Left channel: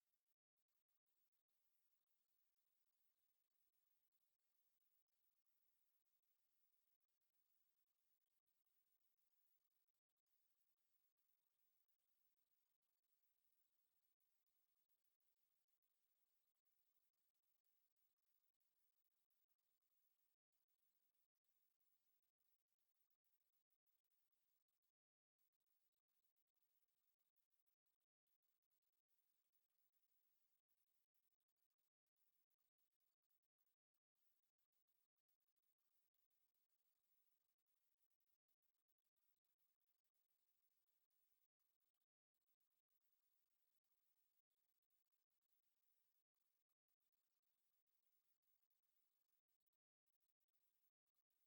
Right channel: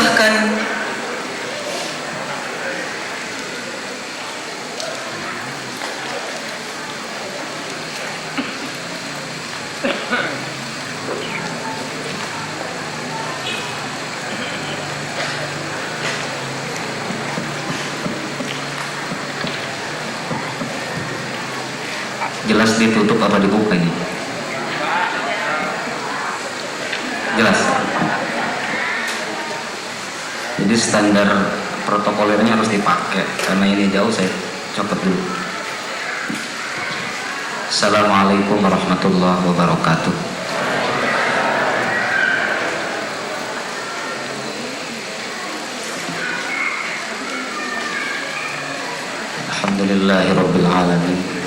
silahkan. Jelas ditutup apa dibuka ini? Jelas. Jadi standar protokolernya harus dipakai. Karena ini jauh, saya copot dulu. Assalamualaikum warahmatullahi wabarakatuh. Alhamdulillahirabbil alamin.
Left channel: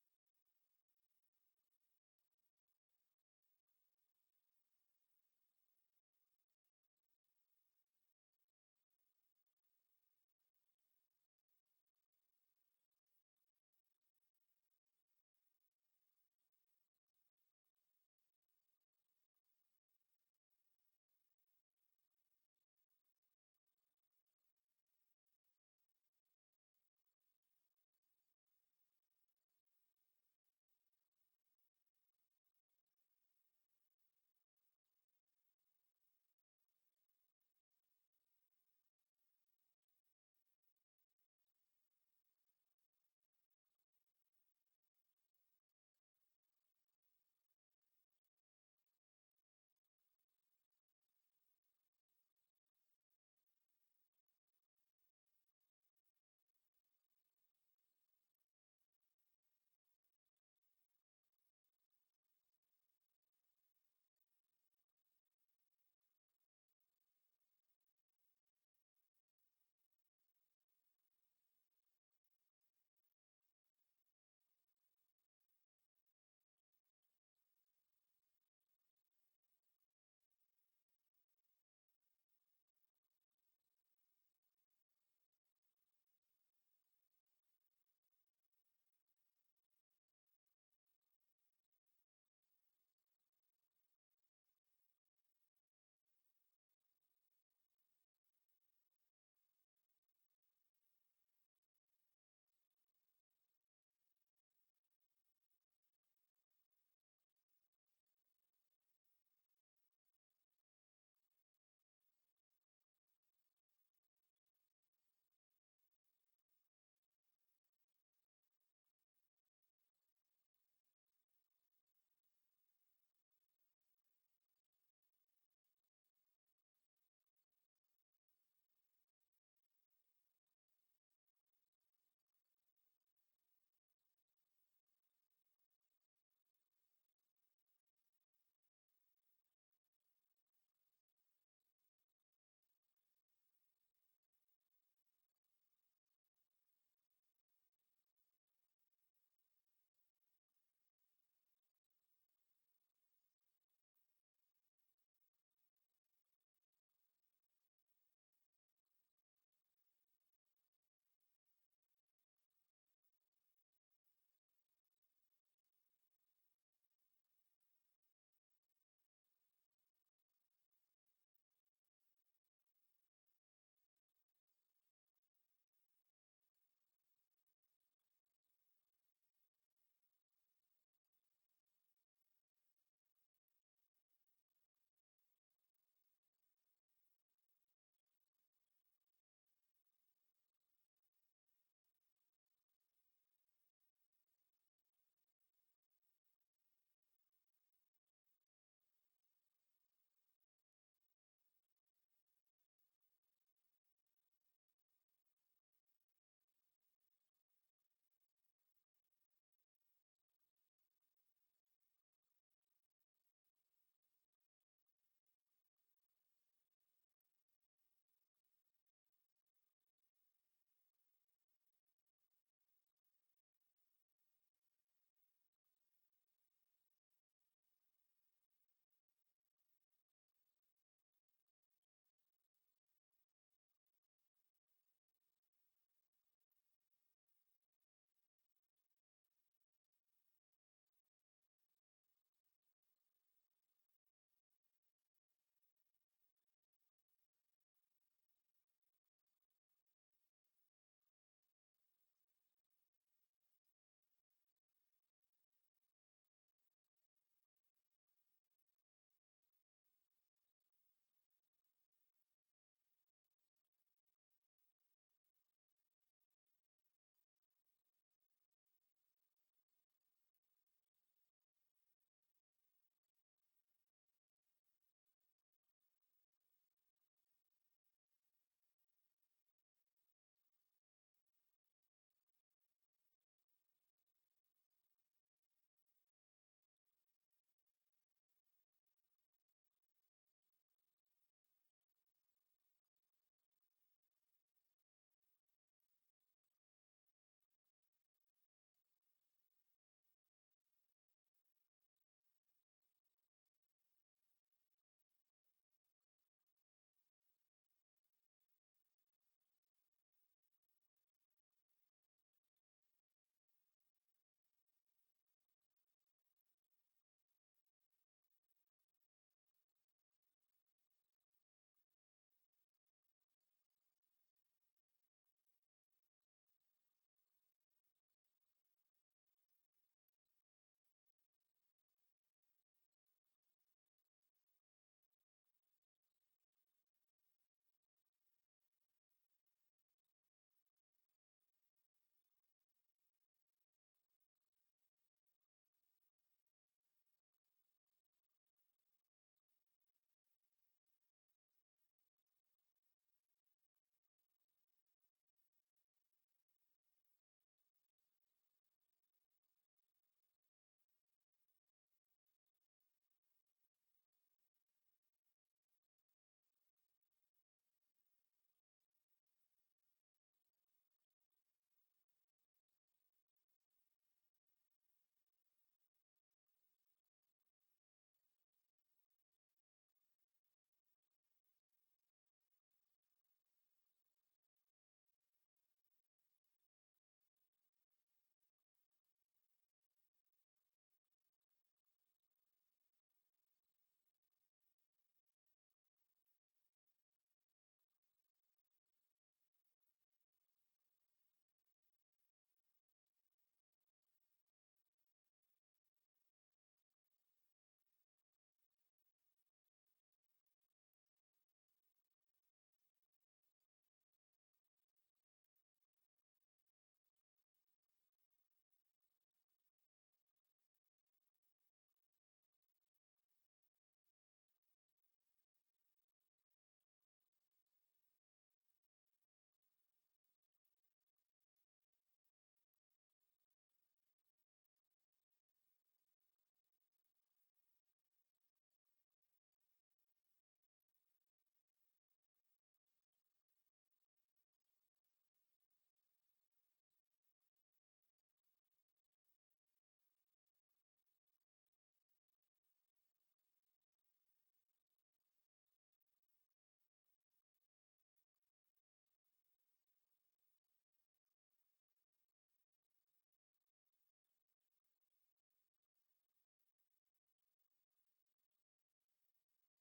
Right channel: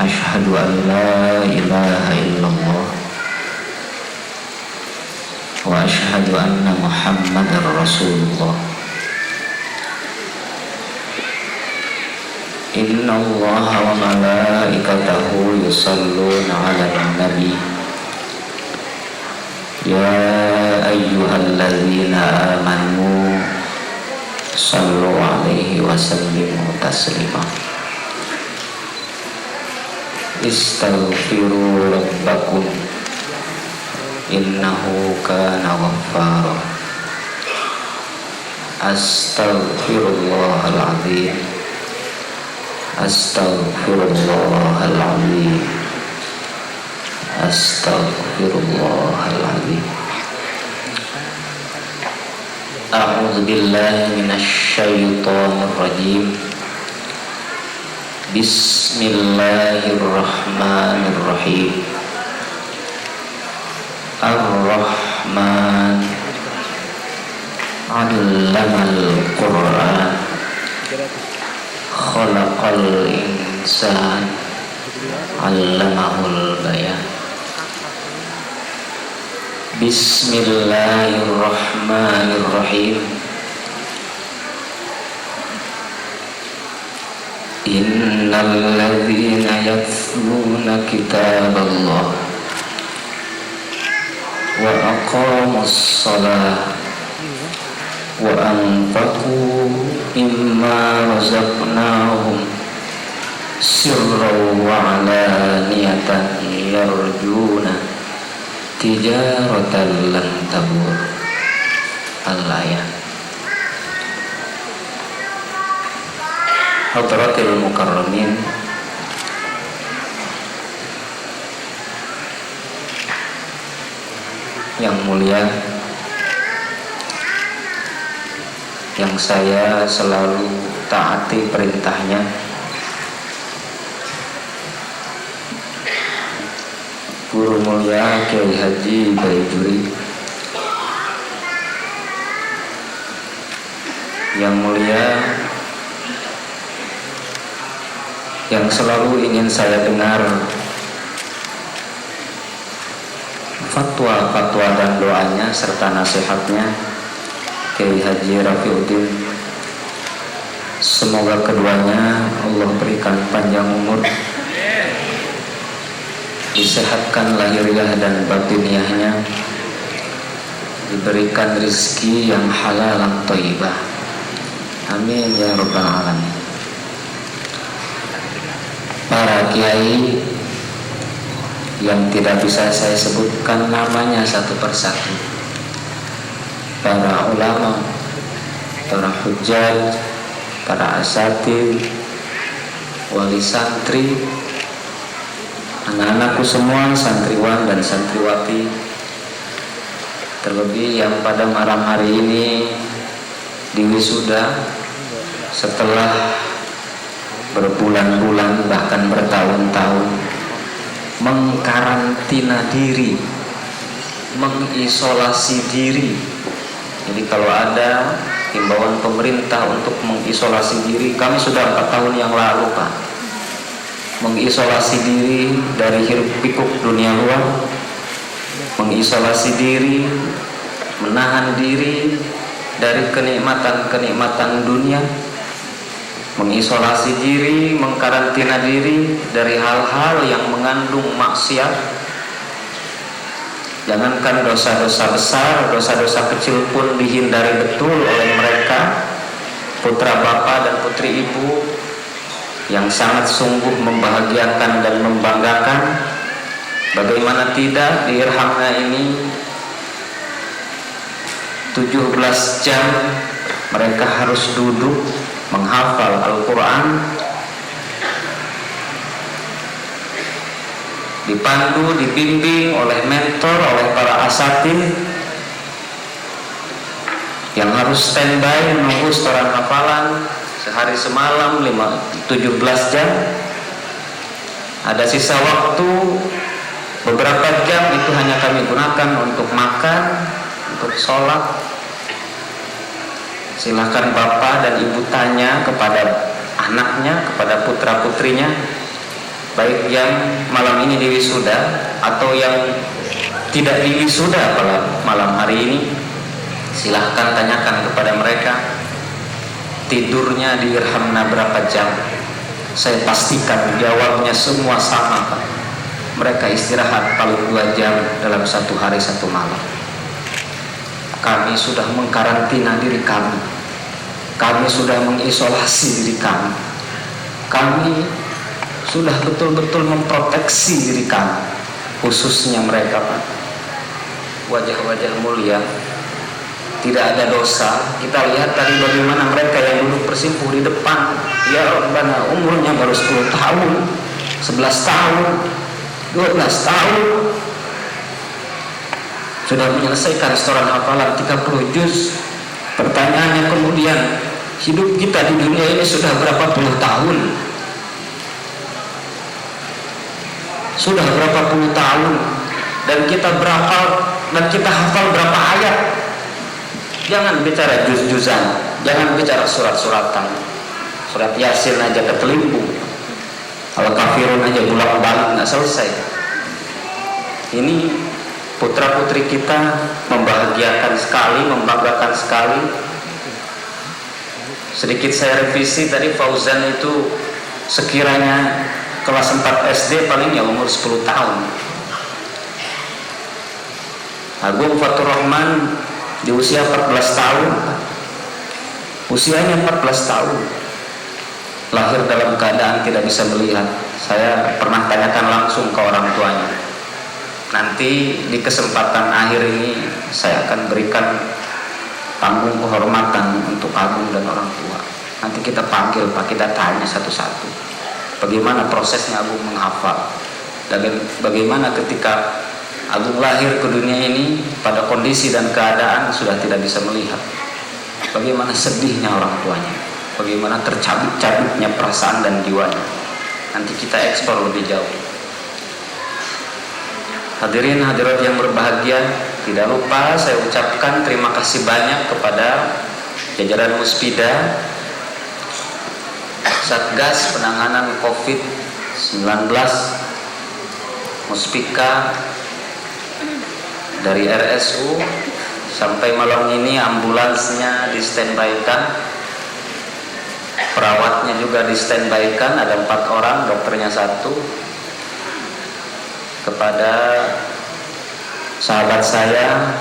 Asyhadu an la ilaha illallah wa asyhadu anna Muhammadar Rasulullah. Inna Allaha wa malaikatahu yusalluna 'alan nabi. Ya ayyuhalladzina amanu sallu 'alaihi wa sallimu taslima. Istaghfiru rabbakum innahu kana ghaffara. Astaghfirullahal azim. Astaghfirullahal azim. Astaghfirullahal azim. A'udzu billahi minasy syaithanir rajim. Bismillahirrahmanirrahim. Ar-Rahman 'allamal Qur'an. Khalaqal insan 'allamahul bayan. Bismillahirrahmanirrahim. Innal ladzina yatluna kitaballah wa aqamus shalah wa anfaqu mimma razaqnahum sirran wa 'alaniyatan yarjuna tijaratan lan tabur. Al-ayat. Hadratil mukarramin, yang mulia, yang saya selalu taati perintahnya, Guru Mulia Kiai Haji Baijuri, yang mulia, yang selalu ingin saya dengar fatwa-fatwa dan doanya serta nasihatnya, Kiai Haji Rafiuddin. Semoga keduanya Allah berikan panjang umur, disehatkan lahiriah dan batiniahnya, diberikan rezeki yang halal dan thayyibah. Amin ya rabbal alamin. Para kiai yang tidak bisa saya sebutkan namanya satu persatu, para ulama, para hujjaj, para asatidz, wali santri, anak-anakku semua, santriwan dan santriwati, terlebih yang pada malam hari ini diwisuda setelah berbulan-bulan bahkan bertahun-tahun mengkarantina diri, mengisolasi diri. Jadi kalau ada himbauan pemerintah untuk mengisolasi diri, kami sudah 4 tahun yang lalu Pak mengisolasi diri dari hiruk pikuk dunia luar, mengisolasi diri, menahan diri dari kenikmatan-kenikmatan dunia, mengisolasi diri, mengkarantina diri dari hal-hal yang mengandung maksiat, Jangankan dosa-dosa besar, dosa-dosa kecil pun dihindari betul oleh mereka, putra bapak dan putri ibu yang sangat sungguh membahagiakan dan membanggakan. Bagaimana tidak, di Irhamna ini 17 jam mereka harus duduk menghafal Al-Quran, dipandu, dibimbing oleh mentor, oleh para asatidz yang harus standby menunggu setoran hafalan sehari semalam 17 jam. Ada sisa waktu beberapa jam, itu hanya kami gunakan untuk makan, untuk sholat. Silahkan bapak dan ibu tanya kepada anaknya, kepada putra putrinya, baik yang malam ini diwisuda atau yang tidak diwisuda pada malam hari ini. Silahkan tanyakan kepada mereka, tidurnya di Irhamna berapa jam. Saya pastikan jawabnya semua sama, Pak. Mereka istirahat paling 2 jam dalam 1 hari 1 malam. Kami sudah mengkarantina diri kami, kami sudah mengisolasi diri kami, kami sudah betul-betul memproteksi diri kami, khususnya mereka, Pak. Wajah-wajah mulia, tidak ada dosa. Kita lihat tadi bagaimana mereka yang duduk bersimpuh di depan. Ya Rabbana, umurnya baru 10 tahun, 11 tahun, 12 tahun, sudah menyelesaikan setoran hafalan 30 juz. Pertanyaannya kemudian, hidup kita di dunia ini sudah berapa puluh tahun? Sudah berapa puluh tahun? Dan kita hafal berapa ayat? Jangan bicara juz-juzan, jangan bicara surat-suratan. Surat Yasin aja ketelimpung, Al-Kafirun aja bolak-balik nggak selesai. Ini putra putri kita membahagiakan sekali, membanggakan sekali. Sedikit saya revisi tadi, Fauzan itu sekiranya kelas 4 SD paling ya umur 10 tahun. Agung Fatur Rahman di usia 14 tahun. Usianya 14 tahun. Lahir dalam keadaan tidak bisa melihat. Saya pernah tanyakan langsung ke orang tuanya. Nanti di kesempatan akhir ini saya akan berikan panggung kehormatan untuk Agung dan orang tua. Nanti kita panggil, Pak, kita tanya satu-satu bagaimana prosesnya Agung menghafal, dan bagaimana ketika Agung lahir ke dunia ini pada kondisi dan keadaan sudah tidak bisa melihat. Bagaimana sedihnya orang tuanya, bagaimana tercabik-cabiknya perasaan dan jiwanya. Nanti kita eksplor lebih jauh. Hadirin hadirat yang berbahagia, tidak lupa saya ucapkan terima kasih banyak kepada jajaran Muspida, Satgas Penanganan COVID-19, Muspika, dari RSU. Sampai malam ini ambulansnya di-standby-kan, perawatnya juga di-standby-kan, ada 4 orang, dokternya 1. Kepada sahabat saya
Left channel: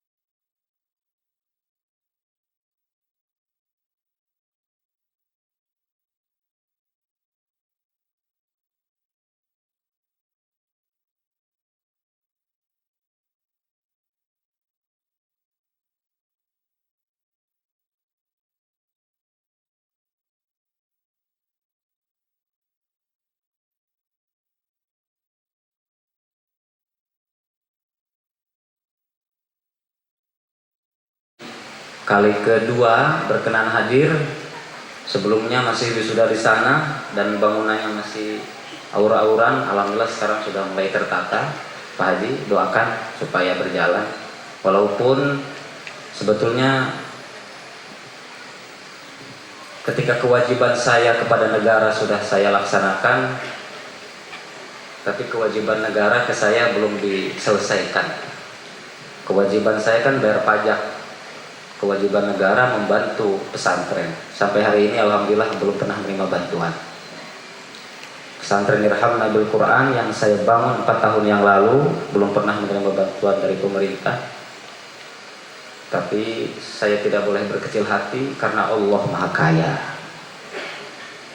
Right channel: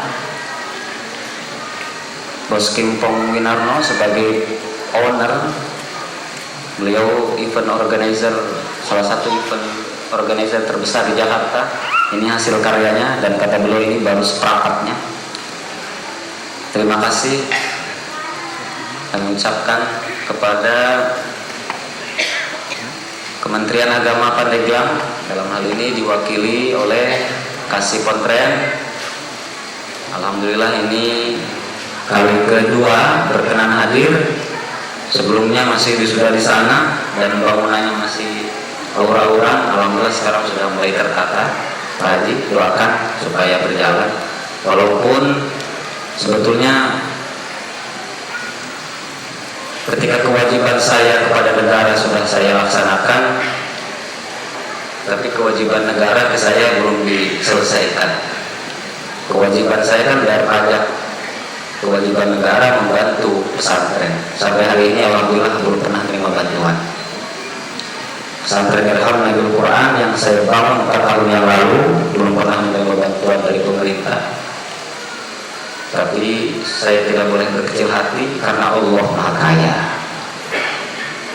Bos Kimpong Winarno sebagai owner, beliau event organizer, salah satu event organizer terbesar di Jakarta. Ini hasil karyanya, dan kata beliau ini baru seperempatnya. Terima kasih kami ucapkan kepada Kementerian Agama Pandeglang, dalam hal ini diwakili oleh Kasih Pontren. Alhamdulillah ini kali kedua berkenan hadir. Sebelumnya masih sudah di sana dan bangunannya masih aur-auran. Alhamdulillah sekarang sudah mulai tertata. Pak Haji, doakan supaya berjalan. Walaupun sebetulnya ketika kewajiban saya kepada negara sudah saya laksanakan, tapi kewajiban negara ke saya belum diselesaikan. Kewajiban saya kan bayar pajak, kewajiban negara membantu pesantren. Sampai hari ini alhamdulillah belum pernah terima bantuan. Pesantren Irhamna Bidul Quran yang saya bangun 4 tahun yang lalu, belum pernah menerima bantuan dari pemerintah. Tapi saya tidak boleh berkecil hati karena Allah Maha Kaya.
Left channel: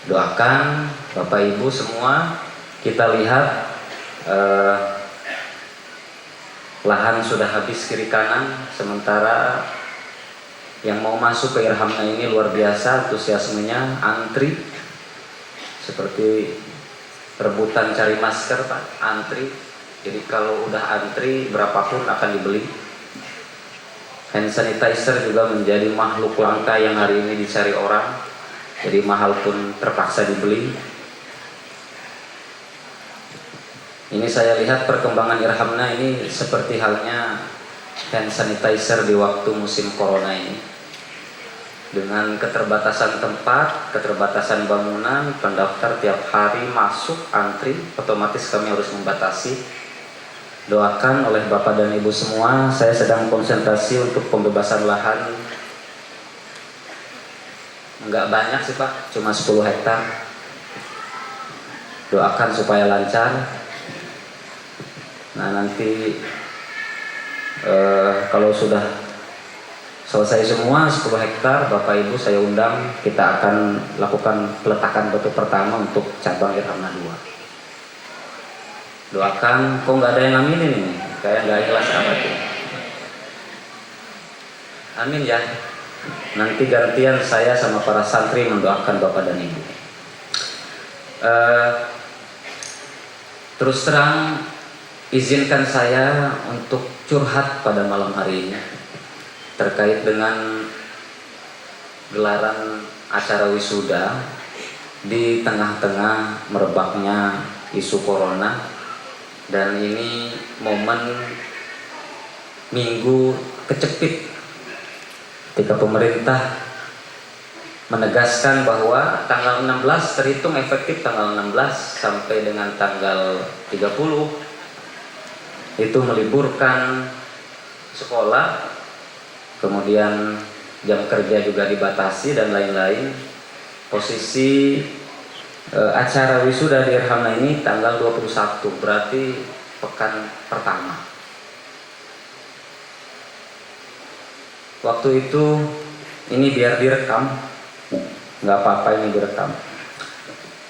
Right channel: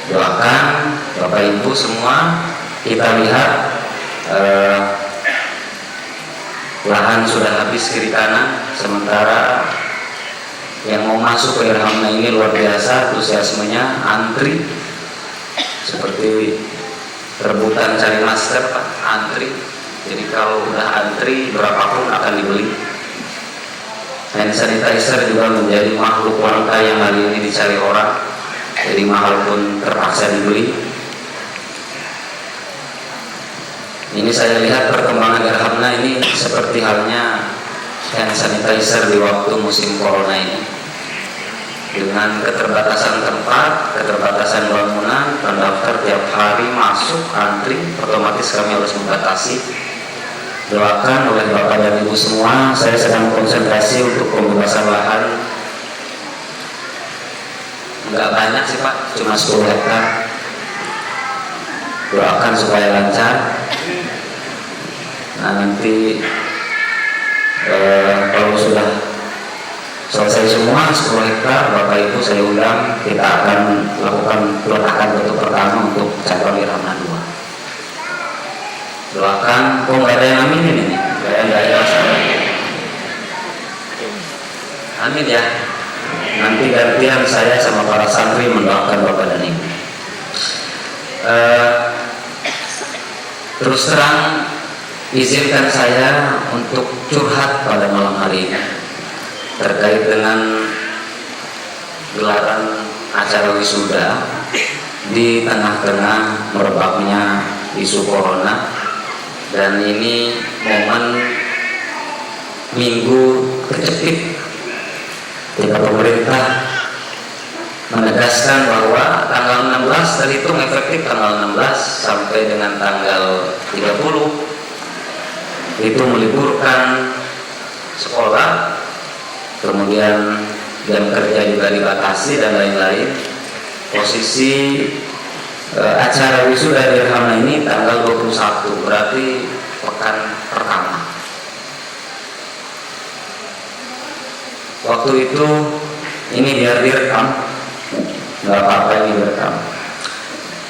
Doakan Bapak Ibu semua, kita lihat lahan sudah habis kiri kanan, sementara yang mau masuk ke Irhamna ini luar biasa antusiasmenya, antri seperti rebutan cari masker, Pak, antri. Jadi kalau udah antri berapapun akan dibeli. Hand sanitizer juga menjadi makhluk langka yang hari ini dicari orang, jadi mahal pun terpaksa dibeli. Ini saya lihat perkembangan Irhamna ini seperti halnya hand sanitizer di waktu musim corona ini. Dengan keterbatasan tempat, keterbatasan bangunan, pendaftar tiap hari masuk antri, otomatis kami harus membatasi. Doakan oleh Bapak dan Ibu semua, saya sedang konsentrasi untuk pembebasan lahan. Enggak banyak sih Pak, cuma 10 hektar. Doakan supaya lancar. Nah nanti kalau sudah selesai semua 10 hektar, Bapak Ibu saya undang, kita akan lakukan peletakan batu pertama untuk cabang Irhamna 2. Doakan, kok nggak ada yang amin ini? Kayak nggak ada sahabat. Amin ya. Nanti gantian saya sama para santri mendoakan Bapak dan Ibu. Terus terang, izinkan saya untuk curhat pada malam hari ini terkait dengan gelaran acara wisuda di tengah-tengah merebaknya isu corona, dan ini momen minggu kecepit ketika pemerintah menegaskan bahwa tanggal 16 terhitung efektif tanggal 16 sampai dengan tanggal 30 itu meliburkan sekolah, kemudian jam kerja juga dibatasi dan lain-lain. Posisi acara wisuda di Irhamna ini tanggal 21, berarti pekan pertama. Waktu itu ini biar direkam, nggak apa-apa ini direkam.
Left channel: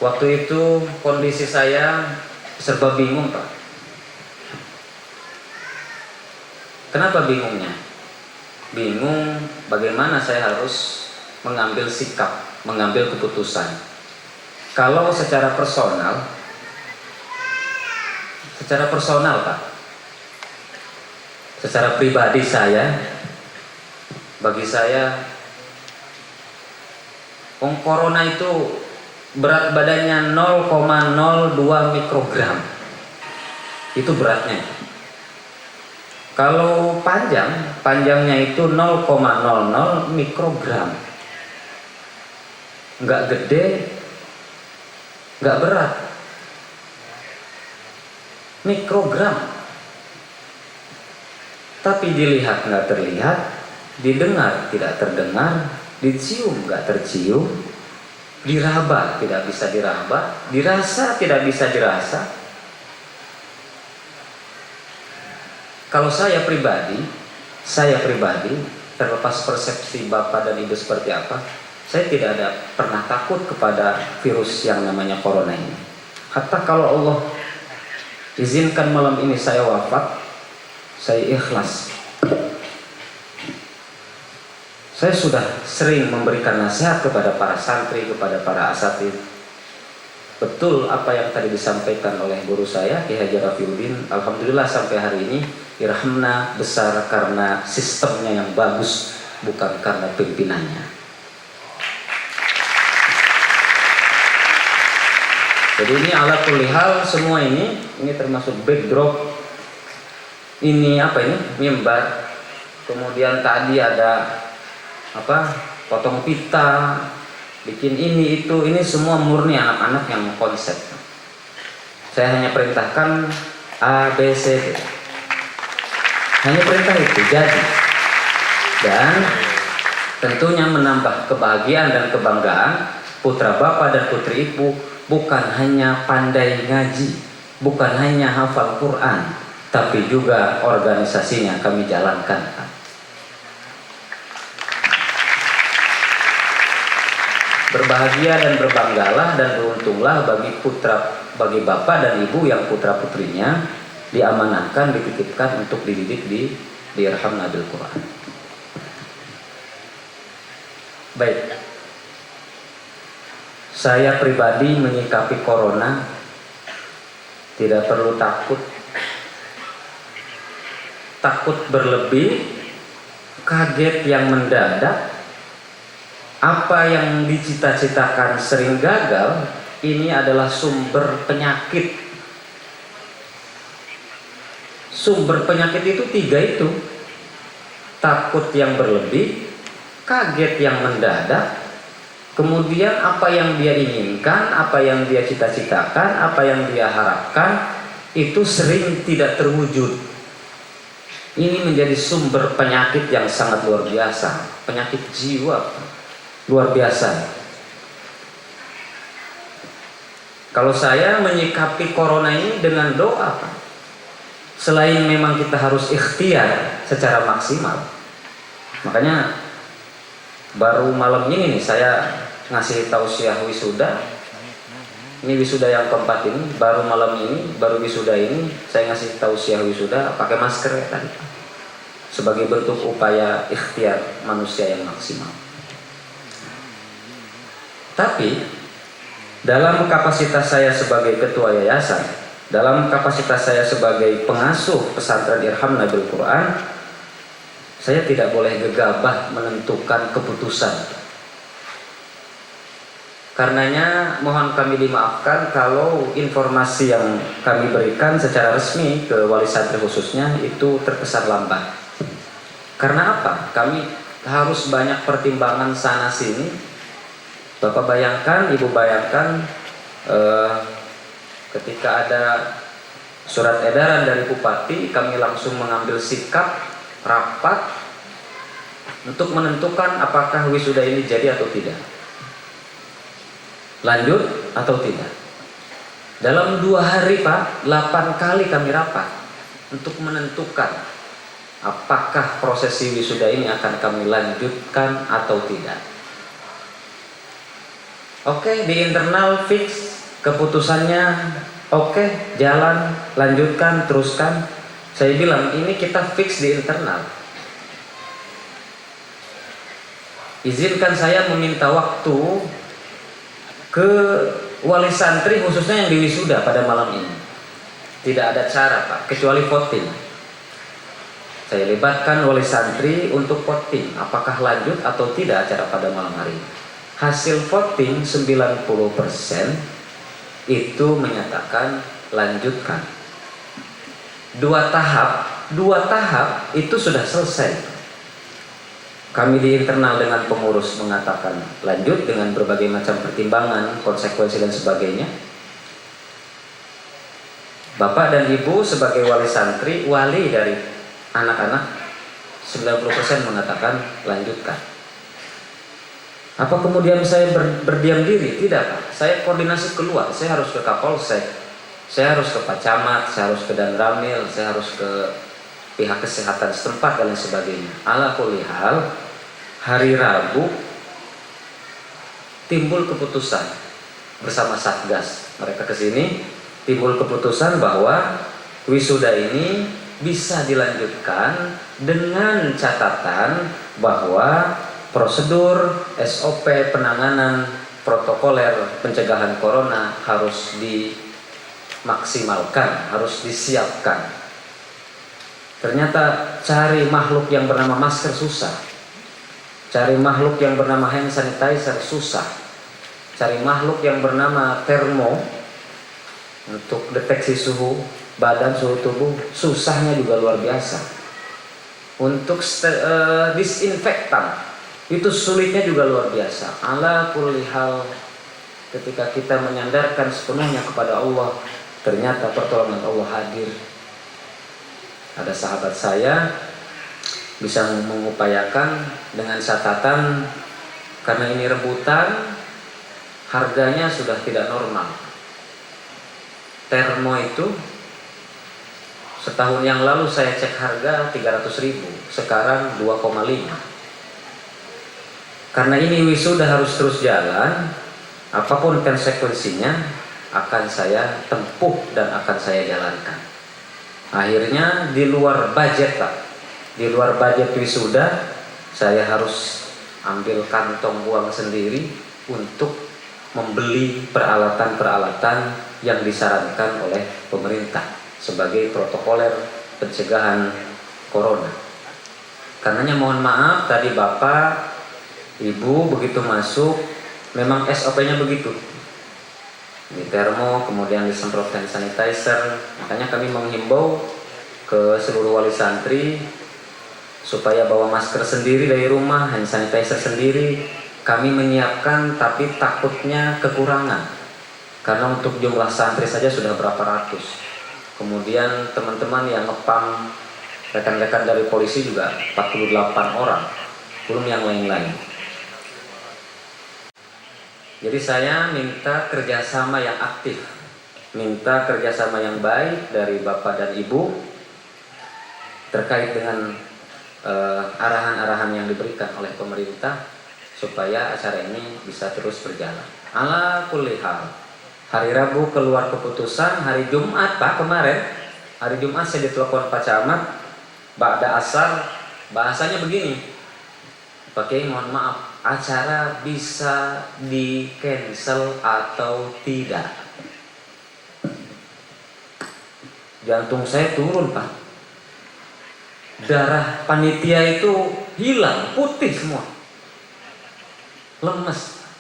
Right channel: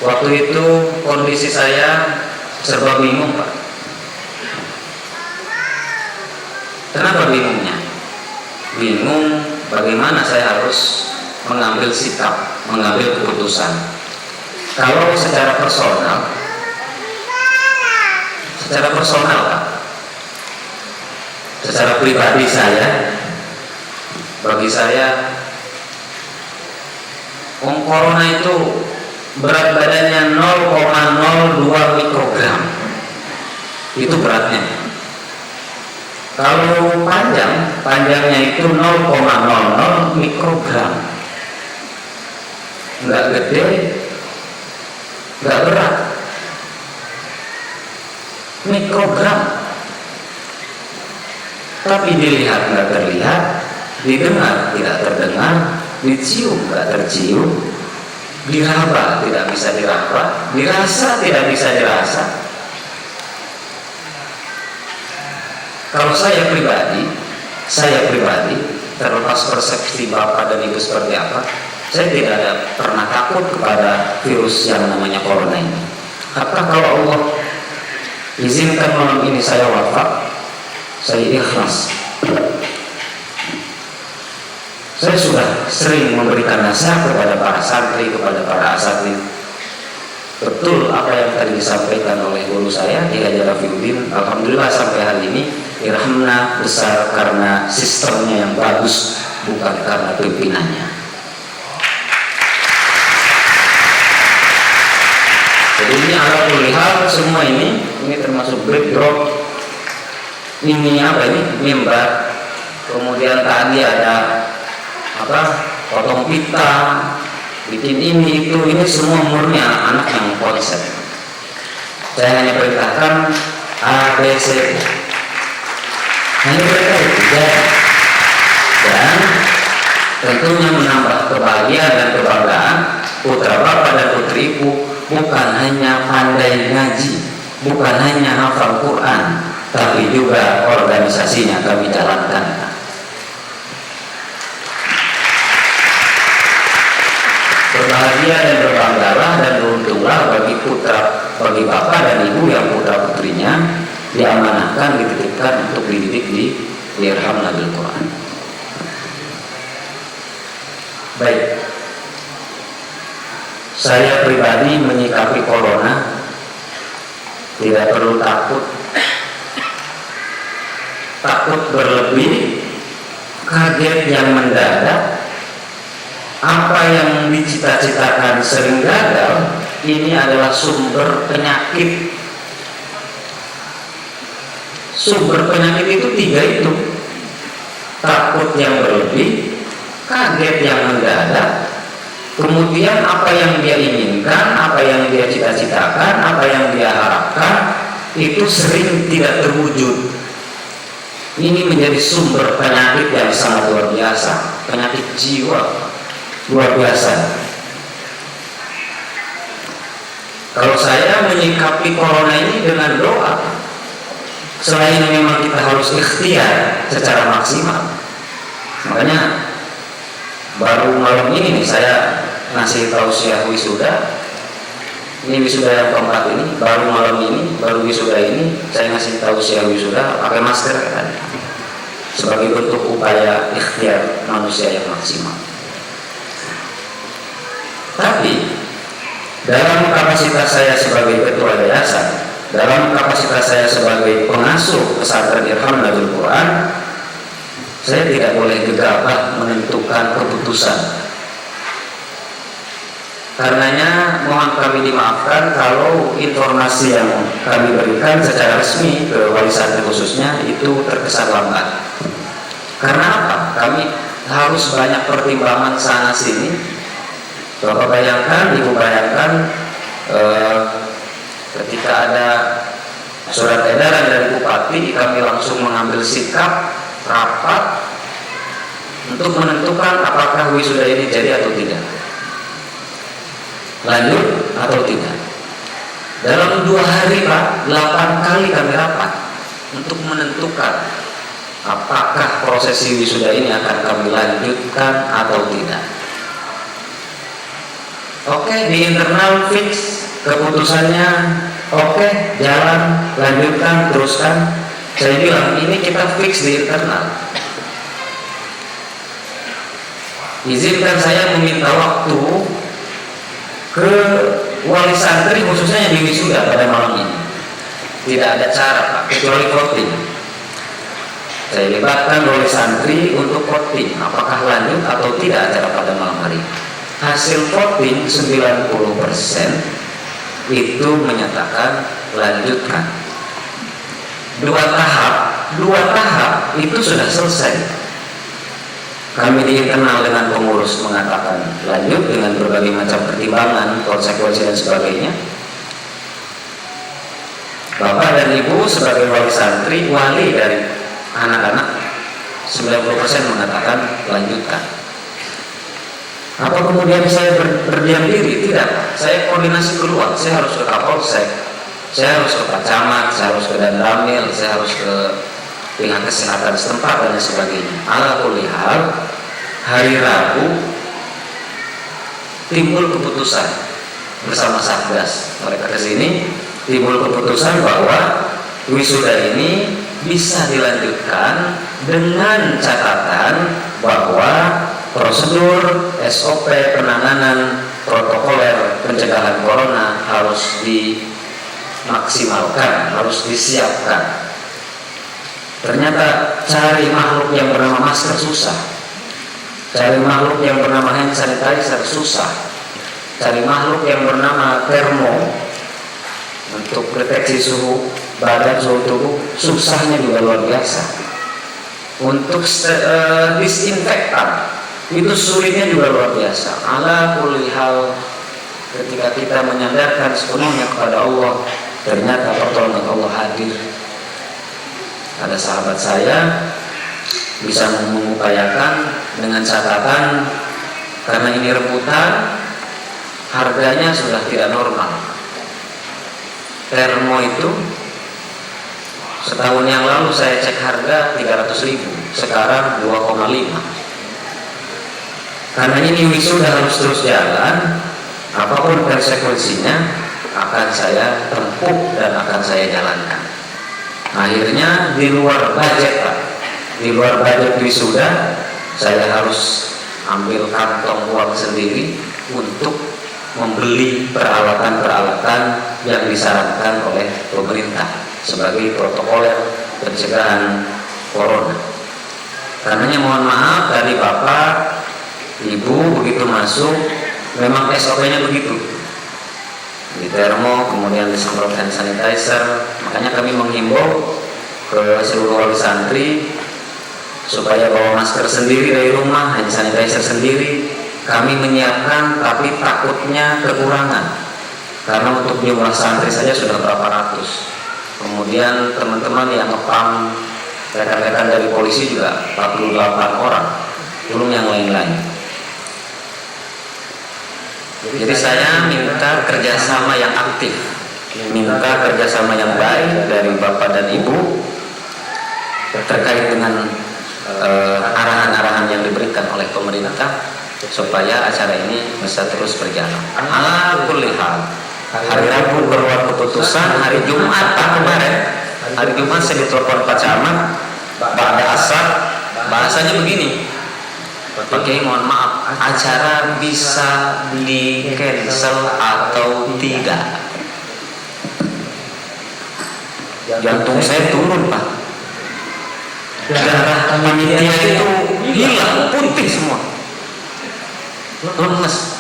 Waktu itu kondisi saya serba bingung Pak. Kenapa bingungnya? Bingung bagaimana saya harus mengambil sikap, mengambil keputusan. Kalau secara personal Pak, secara pribadi saya, bagi saya, corona itu berat badannya 0,02 mikrogram, itu beratnya. Kalau panjangnya itu 0,00 mikrogram, nggak gede, nggak berat, mikrogram. Tapi dilihat nggak terlihat, didengar tidak terdengar, dicium nggak tercium, diraba tidak bisa diraba, dirasa tidak bisa dirasa. Kalau saya pribadi, terlepas persepsi Bapak dan Ibu seperti apa, saya tidak ada pernah takut kepada virus yang namanya corona ini. Hatta kalau Allah izinkan malam ini saya wafat, saya ikhlas. Saya sudah sering memberikan nasihat kepada para santri, kepada para asatidz. Betul apa yang tadi disampaikan oleh guru saya, Ki Haji Rafiuddin. Alhamdulillah sampai hari ini Irhamna besar karena sistemnya yang bagus, bukan karena pimpinannya. Jadi ini ala kulli hal, semua ini termasuk backdrop. Ini apa ini? Mimbar. Kemudian tadi ada potong pita, bikin ini itu, ini semua murni anak-anak yang konsep. Saya hanya perintahkan A, B, C, hanya perintah itu jadi. Dan tentunya menambah kebahagiaan dan kebanggaan putra bapak dan putri ibu bukan hanya pandai ngaji, bukan hanya hafal Quran, tapi juga organisasinya kami jalankan. Berbahagia dan berbanggalah dan beruntunglah bagi bapak dan ibu yang putra putrinya diamanahkan, dititipkan untuk dididik di Irham Nabil Quran. Baik, saya pribadi menyikapi corona tidak perlu takut berlebih, kaget yang mendadak. Apa yang dicita-citakan sering gagal, ini adalah sumber penyakit. Sumber penyakit itu 3 itu. Takut yang berlebih, kaget yang mendadak, kemudian apa yang dia inginkan, apa yang dia cita-citakan, apa yang dia harapkan, itu sering tidak terwujud. Ini menjadi sumber penyakit yang sangat luar biasa, penyakit jiwa luar biasa. Kalau saya menyikapi corona ini dengan doa, selain memang kita harus ikhtiar secara maksimal. Makanya baru malam ini saya ngasih tausiah wisuda. Ini wisuda yang keempat ini, baru malam ini, baru wisuda ini saya ngasih tausiah wisuda pakai masker kan, sebagai bentuk upaya ikhtiar manusia yang maksimal. Tapi dalam kapasitas saya sebagai ketua yayasan, dalam kapasitas saya sebagai pengasuh pesantren Irham Nabil Quran, saya tidak boleh gegabah menentukan keputusan. Karenanya mohon kami dimaafkan kalau informasi yang kami berikan secara resmi ke wali santri khususnya itu terkesan lambat. Karena apa? Kami harus banyak pertimbangan sana sini. Bapak bayangkan, Ibu bayangkan, ketika ada surat edaran dari Bupati, kami langsung mengambil sikap rapat untuk menentukan apakah wisuda ini jadi atau tidak, lanjut atau tidak. Dalam 2 hari Pak, 8 kali kami rapat untuk menentukan apakah prosesi wisuda ini akan kami lanjutkan atau tidak. Oke, di internal fix keputusannya, oke, jalan, lanjutkan, teruskan. Saya bilang ini kita fix di internal. Izinkan saya meminta waktu ke wali santri khususnya yang di wisuda pada malam ini. Tidak ada cara Pak, kecuali voting. Saya libatkan wali santri untuk voting apakah lanjut atau tidak acara pada malam hari. Hasil voting 90% itu menyatakan lanjutkan. 2 tahap itu sudah selesai. Kami di internal dengan pengurus mengatakan lanjut dengan berbagai macam pertimbangan, konsekuensi dan sebagainya. Bapak dan Ibu sebagai wali santri, wali dari anak-anak, 90% mengatakan lanjutkan. Apa kemudian saya berdiam diri? Tidak. Saya koordinasi keluar. Saya harus ke Kapolsek, saya harus ke Pak Camat, saya harus ke Danramil, saya harus ke pihak kesehatan setempat dan sebagainya. Ala kulli hal, hari Rabu timbul keputusan bersama Satgas. Mereka ke sini timbul keputusan bahwa wisuda ini bisa dilanjutkan dengan catatan bahwa prosedur SOP penanganan protokoler pencegahan corona harus dimaksimalkan, harus disiapkan. Ternyata cari makhluk yang bernama masker susah, cari makhluk yang bernama hand sanitizer susah, cari makhluk yang bernama termo untuk deteksi suhu badan, suhu tubuh, susahnya juga luar biasa. Untuk disinfektan itu sulitnya juga luar biasa. Ala kulli hal, ketika kita menyadarkan sepenuhnya kepada Allah, ternyata pertolongan Allah hadir. Ada sahabat saya bisa mengupayakan dengan catatan, karena ini rebutan, harganya sudah tidak normal. Termo itu setahun yang lalu saya cek harga 300.000, sekarang 2,5. Karena ini wisuda harus terus jalan, apapun konsekuensinya akan saya tempuh dan akan saya jalankan. Akhirnya di luar budget, Pak, di luar budget wisuda, saya harus ambil kantong uang sendiri untuk membeli peralatan-peralatan yang disarankan oleh pemerintah sebagai protokol pencegahan corona. Karenanya mohon maaf tadi Bapak, Ibu begitu masuk, memang SOP-nya begitu. Di termo, kemudian disemprot hand sanitizer. Makanya kami menghimbau ke seluruh wali santri supaya bawa masker sendiri dari rumah, hand sanitizer sendiri. Kami menyiapkan, tapi takutnya kekurangan karena untuk jumlah santri saja sudah berapa ratus. Kemudian teman-teman yang mepam, rekan-rekan dari polisi juga 48 orang, belum yang lain-lain. Jadi saya minta kerjasama yang aktif, minta kerjasama yang baik dari Bapak dan Ibu terkait dengan arahan-arahan yang diberikan oleh pemerintah supaya acara ini bisa terus berjalan. Alhamdulillah. Hari Rabu keluar keputusan, hari Jumat kemarin, hari Jumat saya diterima camat, bahasanya begini. Oke, mohon maaf, acara bisa di cancel atau tidak. Jantung saya turun, Pak. Darah panitia itu hilang, putih semua, lemas.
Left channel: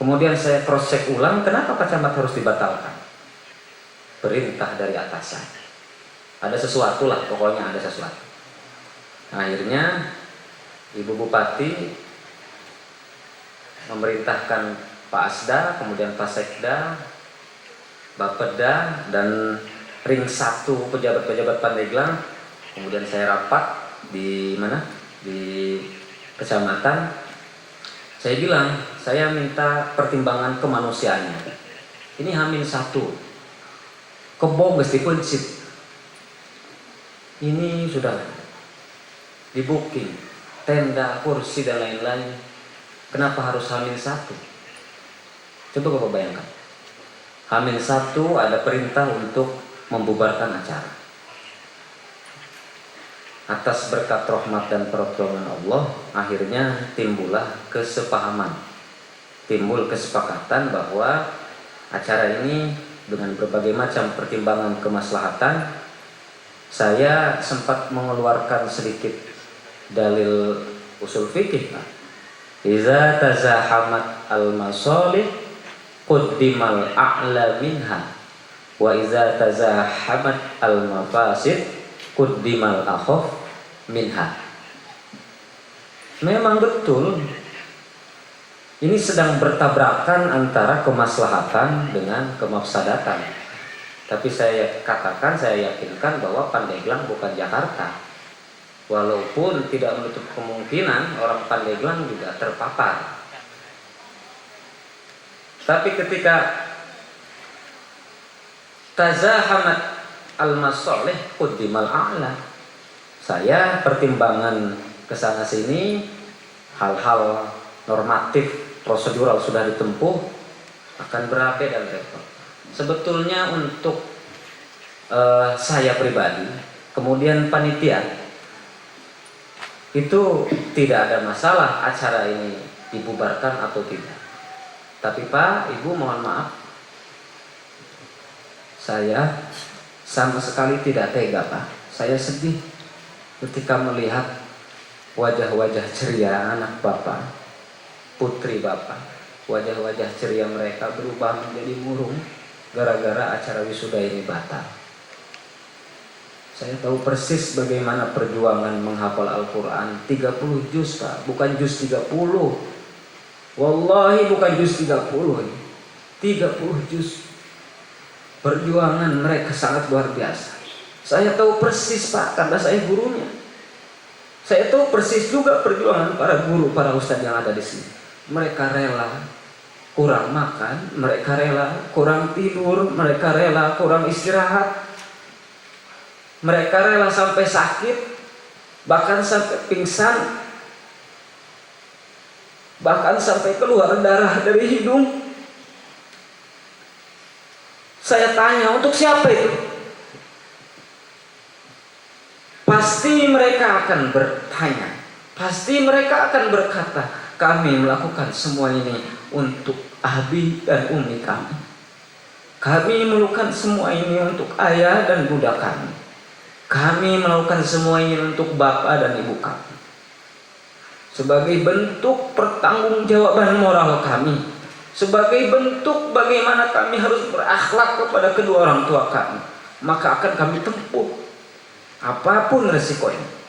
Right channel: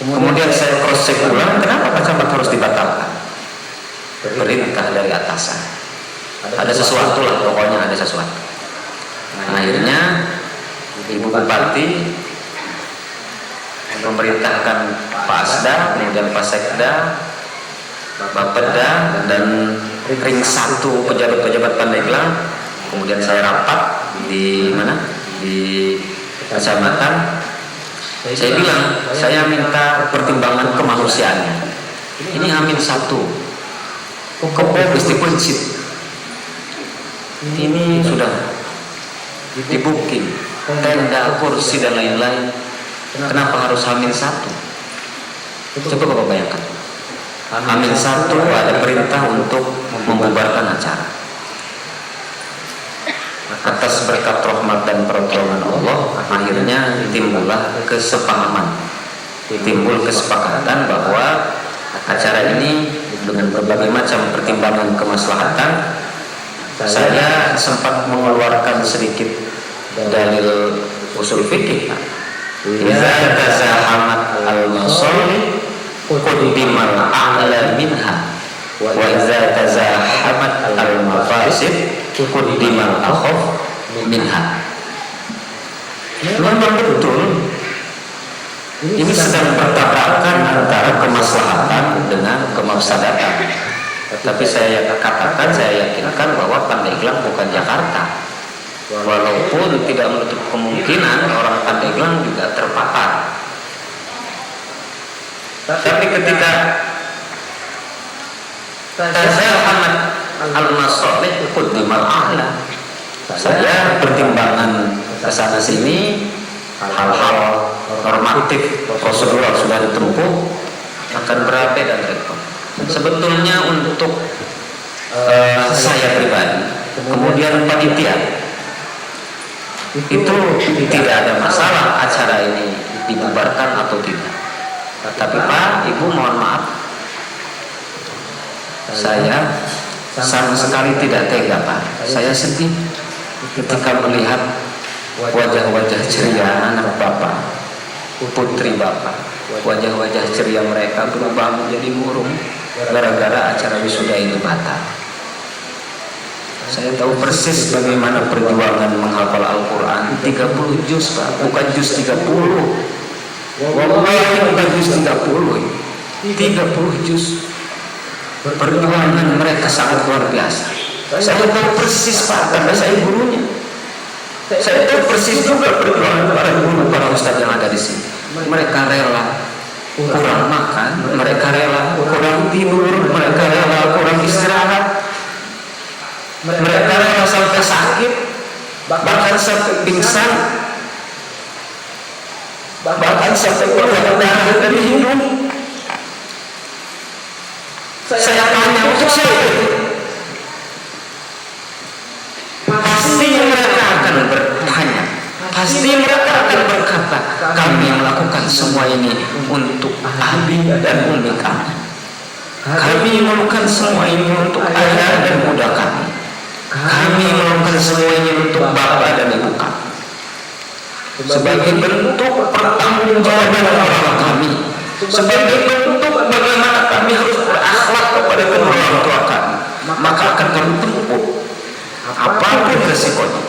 Kemudian saya proses ulang, kenapa harus dibatalkan? Perintah dari atasan. Ada sesuatu, pokoknya ada sesuatu. Akhirnya Ibu Bupati memerintahkan Pak Asda, kemudian Pak Sekda, Bapak Peda, dan ring 1 pejabat-pejabat Pandeglang. Kemudian saya rapat di mana? Di kecamatan. Saya minta pertimbangan kemanusiaannya. Ini hamil 1. Kompetitif prinsip. Ini sudah dibukti. Tenda, kursi dan lain-lain. Kenapa harus hamil 1? Coba Bapak bayangkan. Hamil 1 adalah perintah untuk membubarkan acara. Atas berkat rahmat dan pertolongan Allah, akhirnya timbullah kesepahaman, timbul kesepakatan bahwa acara ini dengan berbagai macam pertimbangan kemaslahatan, saya sempat mengeluarkan sedikit dalil usul fikih. Idza jaza Ahmad al-Ansari qaddima a'la minha wa idza jaza Ahmad al-Mafasid qaddima al-khawf minha. Memang betul ini sedang bertabrakan antara kemaslahatan dengan kemafsadatan. Tapi saya katakan, saya yakinkan bahwa Pandeglang bukan Jakarta. Walaupun tidak menutup kemungkinan orang-orang Pandeglang juga terpapar. Tapi ketika tazahamat al-masalih qudima ma'ala, saya pertimbangan kesasar sini hal-hal normatif prosedur tertentu akan terrepet dan repot. Sebetulnya untuk saya pribadi, kemudian panitia itu tidak ada masalah acara ini dibubarkan atau tidak. Tapi Pak, Ibu mohon maaf, saya sama sekali tidak tega, Pak. Saya sedih ketika melihat wajah-wajah ceria anak Bapak, putri Bapak, wajah-wajah ceria mereka berubah menjadi murung gara-gara acara wisuda ini batal. Saya tahu persis bagaimana perjuangan menghafal Al-Quran 30 juz, bukan juz 30. Wallahi bukan juz 30, 30 juz. Perjuangan mereka sangat luar biasa. Saya tahu persis Pak, saya gurunya. Saya tahu persis juga perjuangan para Ustaz yang ada di sini. Mereka rela kurang makan, mereka rela kurang tidur, mereka rela kurang istirahat, mereka rela sampai sakit, bahkan sampai pingsan, bahkan sampai keluar darah dari hidung. Saya tanya, untuk siapa itu? Pasti mereka akan bertanya, pasti mereka akan berkata, kami melakukan semua ini untuk ahli dan bunda kami. Kami melakukan semua ini untuk ayah dan bunda kami. Kami melakukan semua ini untuk bapak dan ibu kami. Sebagai bentuk pertanggungjawaban moral kami, sebagai bentuk bagaimana kami harus berakhlak kepada kedua orang tua kami, maka kami tempuh apapun resikonya.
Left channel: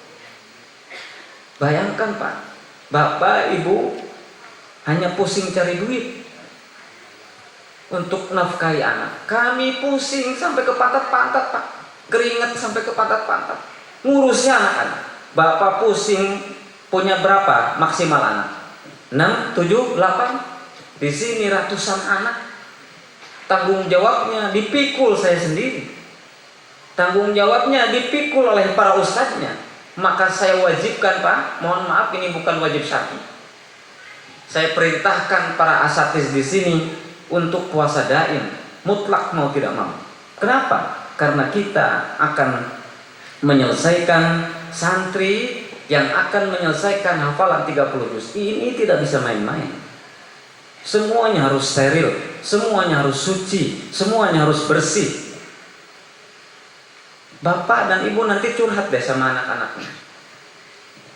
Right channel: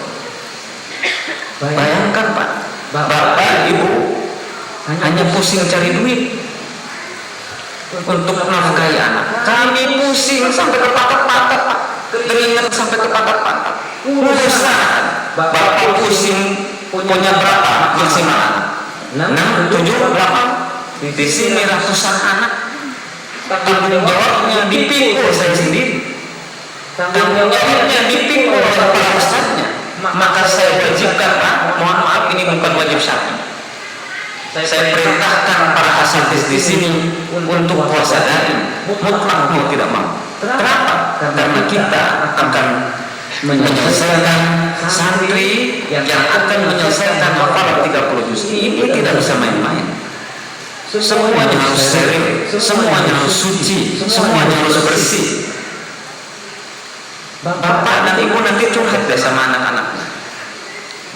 Bayangkan Pak, bapak ibu hanya pusing cari duit untuk menafkahi anak. Kami pusing sampai patah-patah, keringat sampai patah-patah, ngurus anak. Bapak pusing punya berapa maksimal? 6, 7, 8. Di sini rasa susah. Tanggung jawabnya dipikul saya sendiri. Tanggung jawabnya dipikul oleh para ustaznya. Maka saya wajibkan, mohon maaf ini bukan wajib saya. Saya perintahkan para asatidz di sini untuk puasa da'i, mutlak mau tidak mau. Kenapa? Karena kita akan menyelesaikan santri yang akan menyelesaikan hafalan 30 juz. Ini tidak bisa main-main. Semuanya harus steril, semuanya harus suci, semuanya harus bersih. Bapak dan ibu nanti curhat sama anak-anak.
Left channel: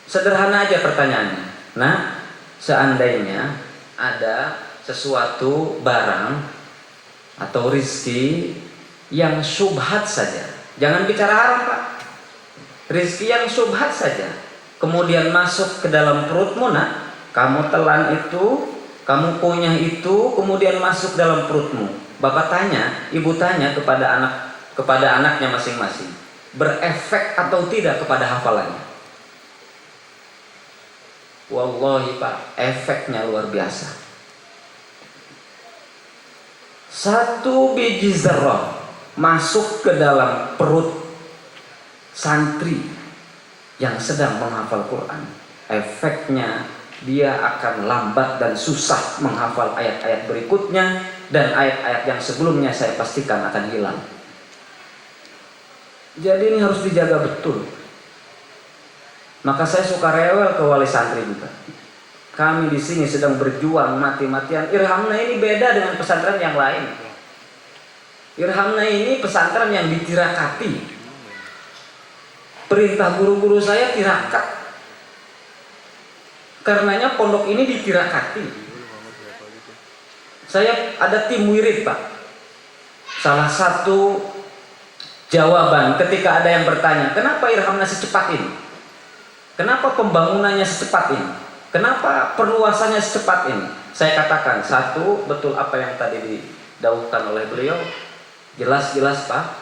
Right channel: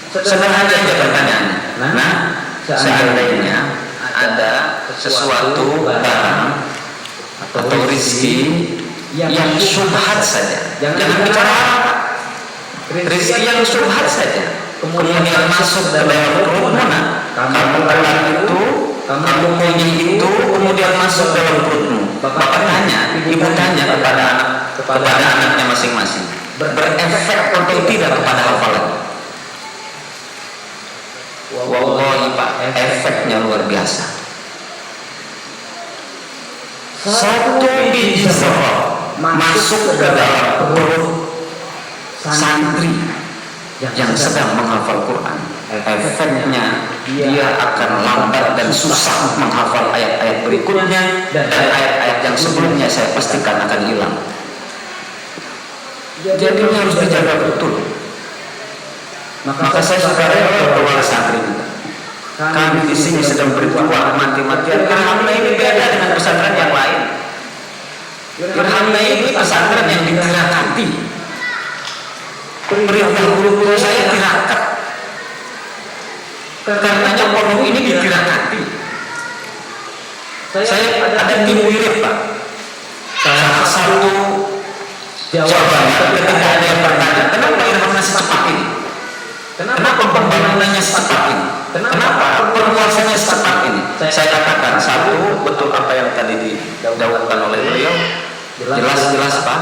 Sederhana aja pertanyaannya. Nah, seandainya ada sesuatu barang atau rezeki yang syubhat saja, jangan dikatakan rezeki yang syubhat saja, kemudian masuk ke dalam perutmu, kamu telan itu, kamu punya itu, kemudian masuk dalam perutmu. Bapak tanya, ibu tanya kepada anaknya masing-masing, berefek atau tidak kepada hafalan? Wallahi Pak, efeknya luar biasa. Satu biji zarah masuk ke dalam perut santri yang sedang menghafal Quran, efeknya dia akan lambat dan susah menghafal ayat-ayat berikutnya, dan ayat-ayat yang sebelumnya saya sampaikan akan hilang. Jadi harus dijaga betul. Maka saya rela ke wali santri. Kami di sini sedang berjuang mati. Irhamnya ini beda dengan pesantren yang lain. Irhamnya ini pesantren yang dirahmati. Perintah guru-guru saya dirahmati. Karenanya pondok ini dirahmati. Saya ada tim mirip Pak. Salah satu jawaban ketika ada yang bertanya, kenapa irhamnya secepat ini? Kenapa pembangunannya secepat ini? Kenapa perluasannya secepat ini? Saya katakan, satu, betul apa yang tadi didahulukan oleh beliau, jelas-jelas Pak.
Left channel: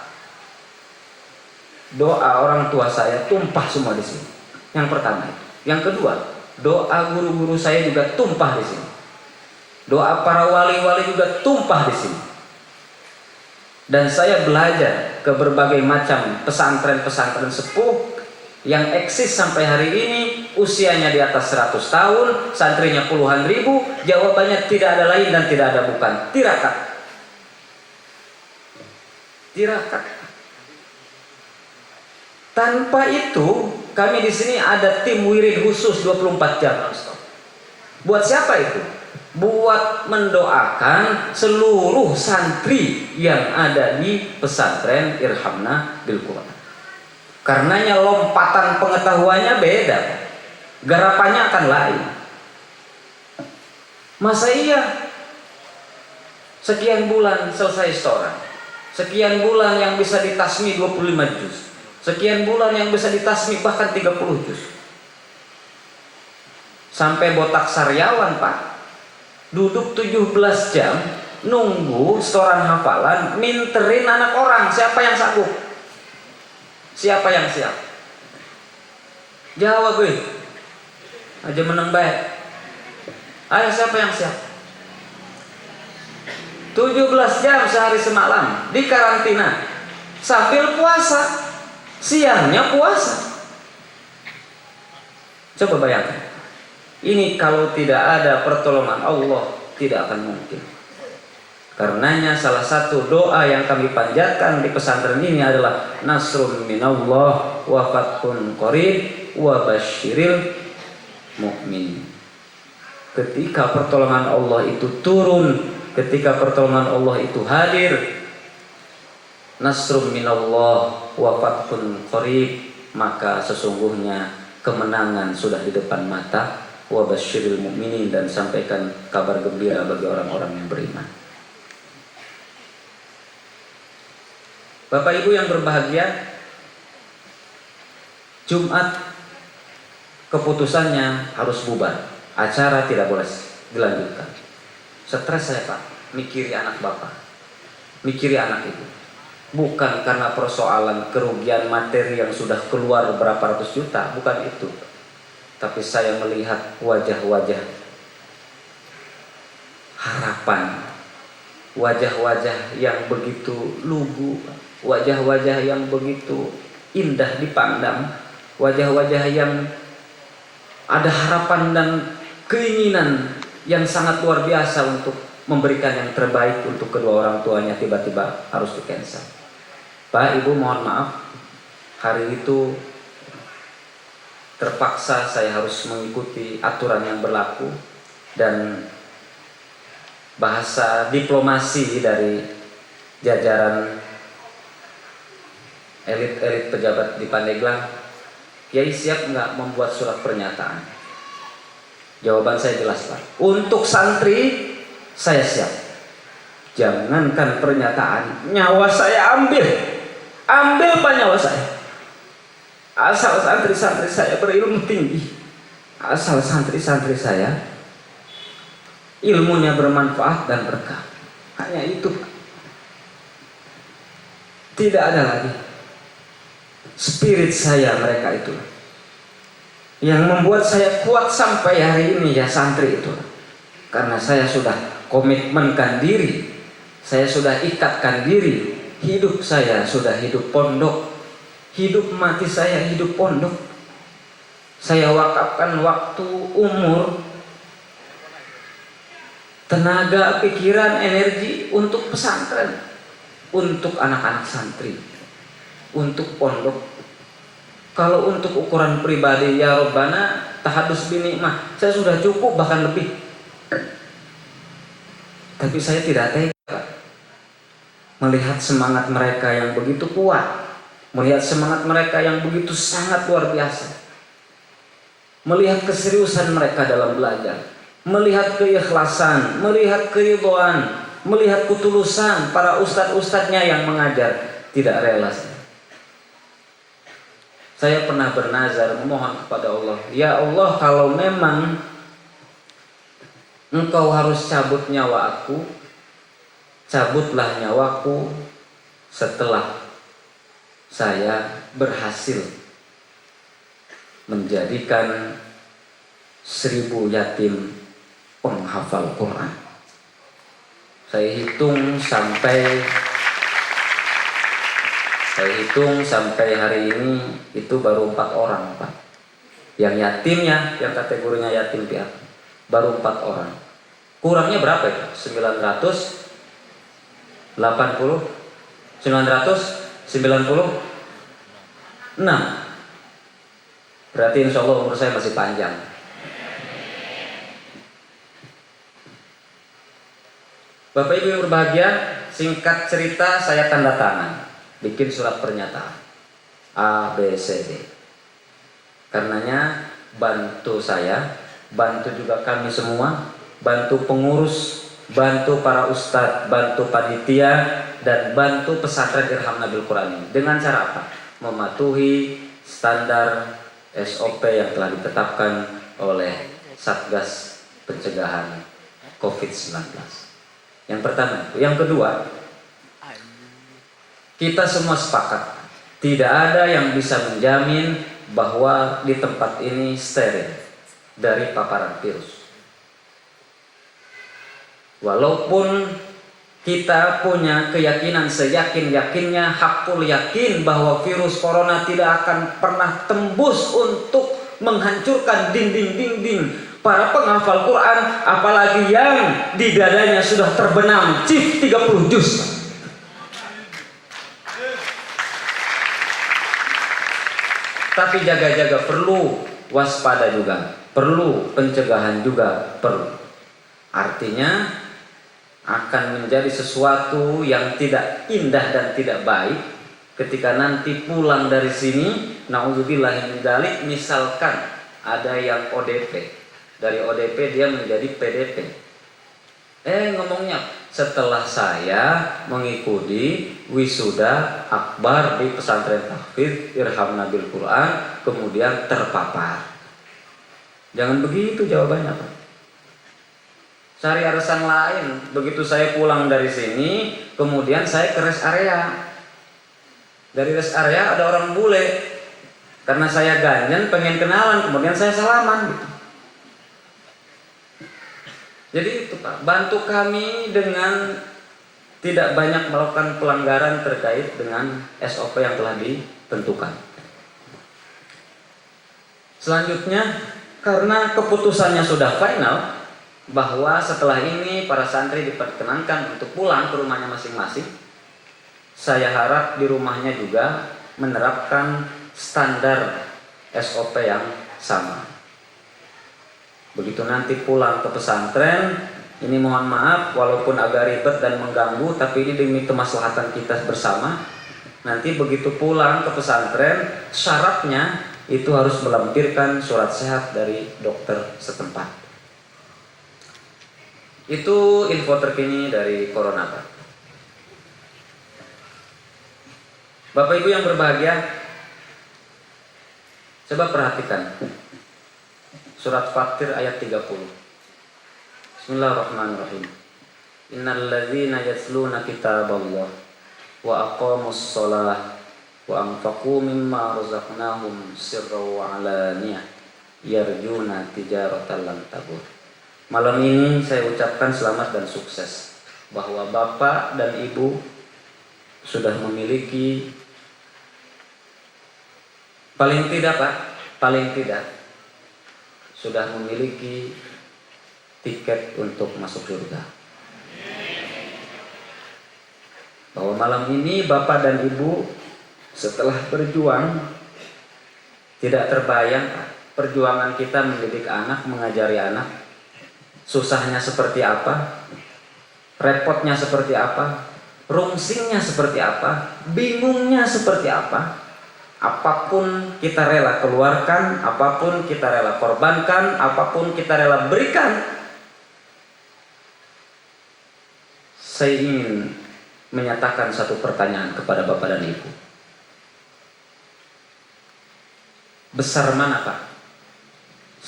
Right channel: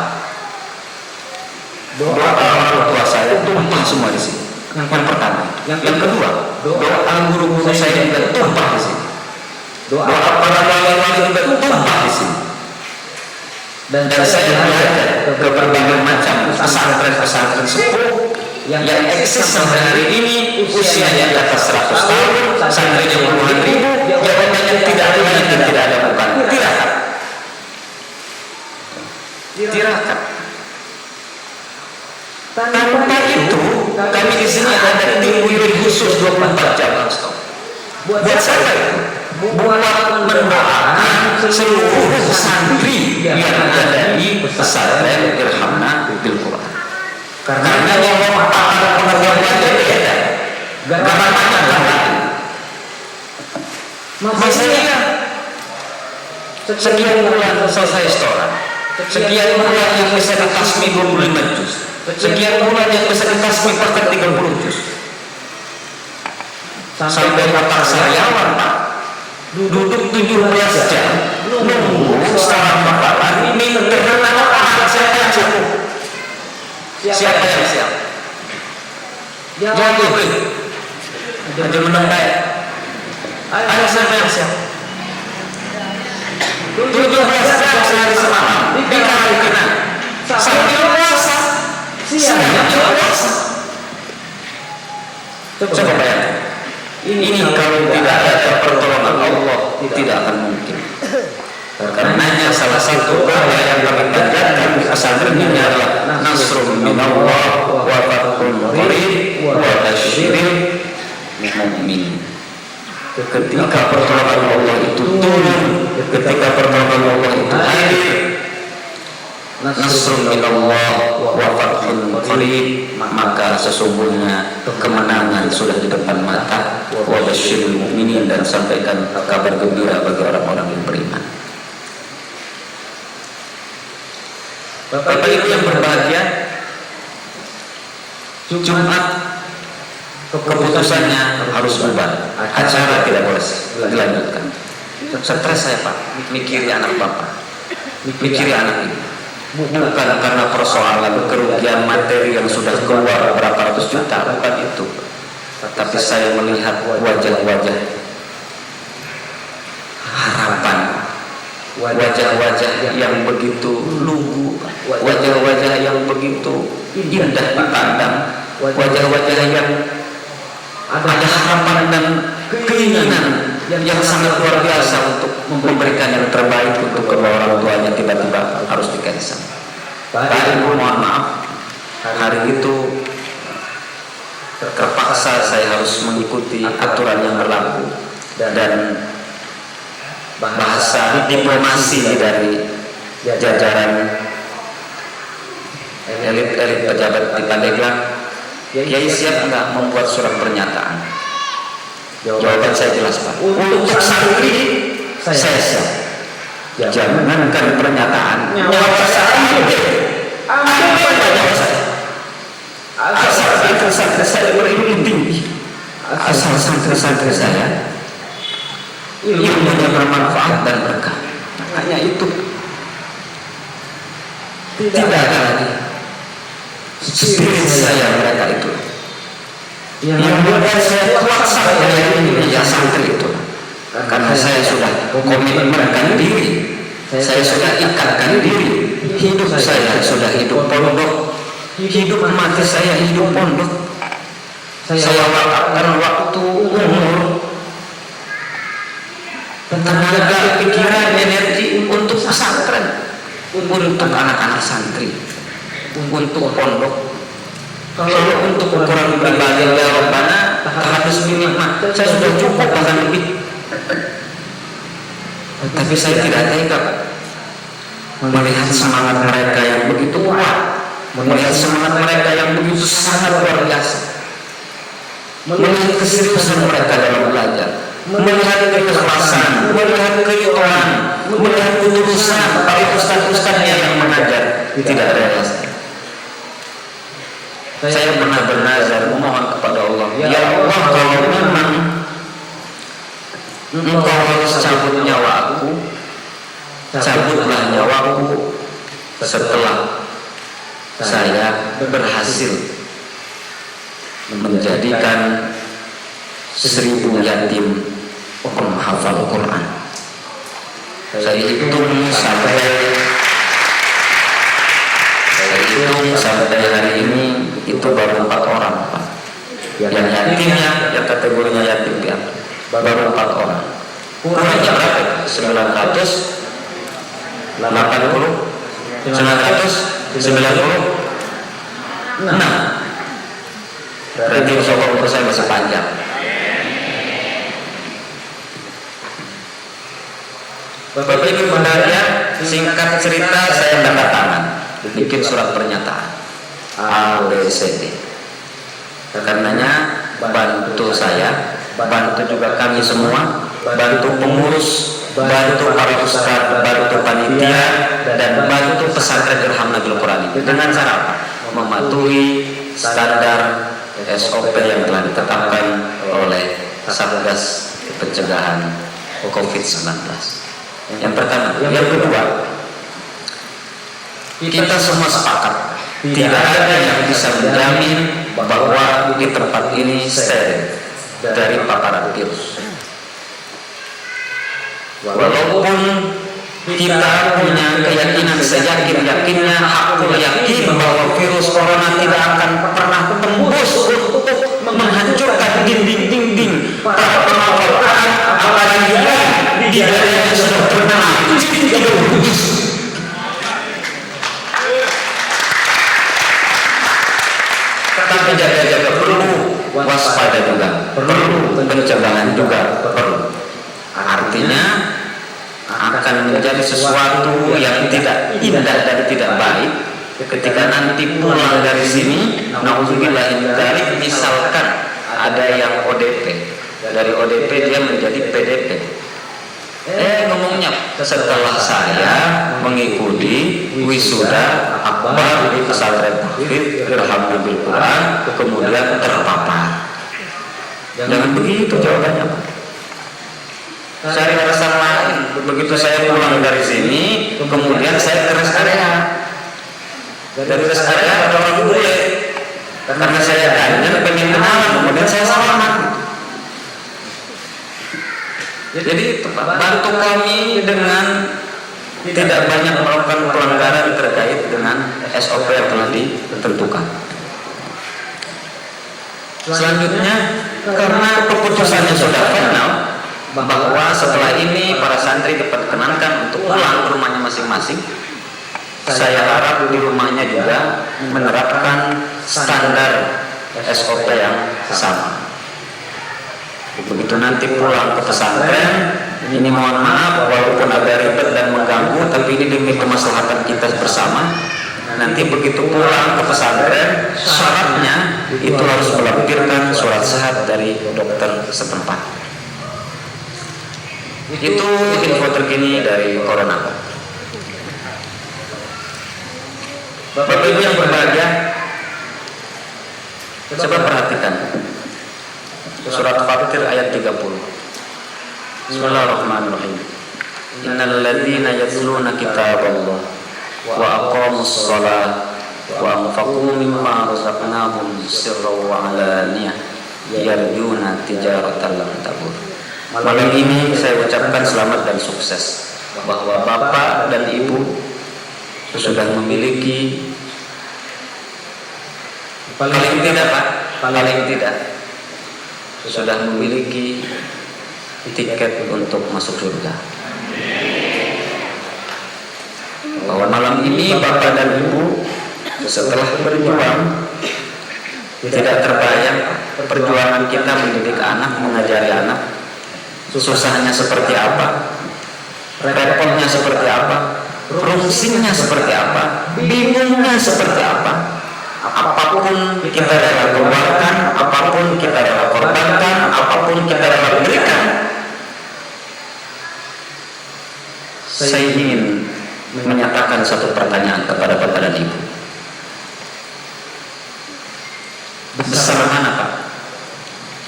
Doa orang tua saya tumpah semua di sini. Yang pertama. Yang kedua, doa guru saya juga tumpah di sini. Doa para wali-wali juga tumpah di sini. Dan saya belajar ke berbagai macam pesantren-pesantren sepuh yang eksis sampai hari ini, usianya di atas 100 tahun, santrinya puluhan ribu. Jawabannya tidak ada lain dan tidak ada depan. Tirakat. Tanpa itu, kami di sini ada tim wirid khusus 24 jam. Buat siapa itu? Buat mendoakan seluruh santri yang ada di pesantren Irhamah Baitul Quran. Karenanya lompatan pengetahuannya beda, garapannya akan lain. Masa iya sekian bulan selesai sholat, sekian bulan yang bisa dikasih 25 juz, sekian bulan yang bisa dikasih bahkan 30 juz, sampai botak saryawan Pak, duduk 17 jam nunggu seorang hafalan, minterin anak orang. Siapa yang sanggup? Siapa yang siap? Jawab itu. Aja belum baik. Ayo siapa yang siap? 17 jam sehari semalam di karantina sambil puasa, siangnya puasa. Coba bayangkan, ini kalau tidak ada pertolongan Allah tidak akan mungkin. Karenanya salah satu doa yang akan dipanjatkan di pesantren ini adalah nasrul minallah wa fathun qarib wa basyiril mu'minin. Ketika pertolongan Allah itu turun, ketika pertolongan Allah itu hadir, nasrul minallah wa fathun qarib, maka sesungguhnya kemenangan sudah di depan mata. Wa basyiril mu'minin, dan sampaikan kabar gembira bagi orang-orang beriman. Bapak Ibu yang berbahagia, Jumat keputusannya harus bubar, acara tidak boleh dilanjutkan. Stres saya Pak, mikir anak Bapak, mikir anak, bukan karena persoalan kerugian materi yang sudah keluar beberapa ratus juta, bukan itu. Tapi saya melihat wajah-wajah harapan, wajah-wajah yang begitu luluh, wajah-wajah yang begitu indah dipandang, wajah-wajah yang ada harapan dan keinginan yang sangat luar biasa untuk memberikan yang terbaik untuk kedua orang tuanya yang tiba-tiba harus berpisah. Pak Ibu mohon maaf, hari itu terpaksa saya harus mengikuti aturan yang berlaku dan bahasa diplomasi dari jajaran elit-elit pejabat dari Pandeglang, ya siap membuat surat pernyataan. Jawaban saya jelas, Pak. Untuk santri saya siap. Jangankan pernyataan, nyawa saya ambil Pak nyawa saya. Asal santri saya berilmu, asal santri saya ilmunya bermanfaat dan berkah. Hanya itu tidak ada lagi. Spirit saya kayak itu yang membuat saya kuat sampai hari ini ya santri itu. Karena saya sudah komitmenkan diri, saya sudah ikatkan diri, hidup saya sudah hidup pondok, hidup mati saya hidup pondok. Saya wakafkan waktu, umur, tenaga, pikiran, energi untuk pesantren, untuk anak-anak santri, untuk pondok. Kalau untuk orang pribadi jawabannya tahap muslimah, saya sudah cukup bahkan lebih. Tapi saya tidak tega melihat semangat mereka yang begitu kuat, melihat semangat mereka yang begitu sangat luar biasa, melihat keseriusan mereka dalam belajar, melihat keikhlasan, melihat keribuan, melihat ketulusan para ustaz-ustaznya yang mengajar. Tidak ada bahasa. Saya pernah bernazar mohon kepada Allah, ya Allah, kalau memang Engkau harus cabut nyawa aku, cabutlah nyawaku setelah saya berhasil menjadikan 1000 yatim penghafal Al-Quran. Saya hitung sampai hari ini itu baru 4 orang. Yang yatimnya, yang keduanya yatim, baru 4 orang. Kurangnya berapa? 980, 996. Berarti insya Allah saya saja. Bapak Ibu berbahagia, singkat cerita saya tanda tangan bikin surat pernyataan ABCD. Karena bantu saya, bantu kami semua, bantu pengurus, bantu para ustaz, bantu panitia, dan bantu pesantren Alhamdulillah dengan cara mematuhi standar SOP yang telah ditetapkan oleh Satgas Pencegahan COVID-19. Yang pertama, yang kedua, kita semua sepakat tidak ada yang bisa menjamin bahwa di tempat ini steril dari paparan virus. Walaupun kita punya keyakinan seyakin-yakinnya, hakul yakin bahwa virus corona tidak akan pernah tembus untuk menghancurkan dinding-dinding para penghafal Quran, apalagi yang di dadanya sudah terbenam juz 30 juz. Tapi jaga-jaga perlu, waspada juga perlu, pencegahan juga perlu. Artinya akan menjadi sesuatu yang tidak indah dan tidak baik ketika nanti pulang dari sini, naudzubillah min dzalik, misalkan ada yang ODP, dari ODP dia menjadi PDP. Ngomongnya setelah saya mengikuti wisuda akbar di pesantren Irham kedua, kemudian terpapar. Jangan begitu dong. Saya rasa lain, begitu saya pulang dari sini, kemudian saya ke rest area. Dari rest area ada orang bule, karena saya ganyan pengen kenalan, kemudian saya salaman. Jadi bantu kami dengan tidak banyak melakukan pelanggaran terkait dengan SOP yang telah ditentukan. Selanjutnya, karena keputusannya sudah final, bahwa setelah ini para santri diperkenankan pulang ke rumahnya masing-masing. Saya harap di rumahnya juga menerapkan standar SOP yang sama. Begitu nanti pulang ke pesantren, ini mohon maaf walaupun agak repot dan mengganggu, tapi ini masyarakat kita bersama. Nanti begitu pulang ke pesantren, syaratnya itu harus melampirkan surat sehat dari dokter setempat. Itu informasi ini dari corona. Bapak Ibu yang berbahagia, coba perhatikan surat Al-Fatihah ayat 30. Bismillahirrahmanirrahim. Innal ladzina yatluna kitaballah wa aqamus shalah wa anfaqu mimma razaqnahum sirran wa alaniyah yarjuna tijaratan lan tabur. Malam ini saya ucapkan selamat dan sukses bahwa Bapak dan Ibu sudah memiliki paling tidak sudah memiliki tiket untuk masuk surga. Bahwa malam ini Bapak dan Ibu setelah berjuang tidak terbayang perjuangan kita mendidik anak, mengajari anak, susahnya seperti apa, repotnya seperti apa, rumusnya seperti apa, bingungnya seperti apa. Apapun kita rela keluarkan, apapun kita rela korbankan, apapun kita rela berikan. Saya ingin menyatakan satu pertanyaan kepada Bapak dan Ibu. Besar mana Pak?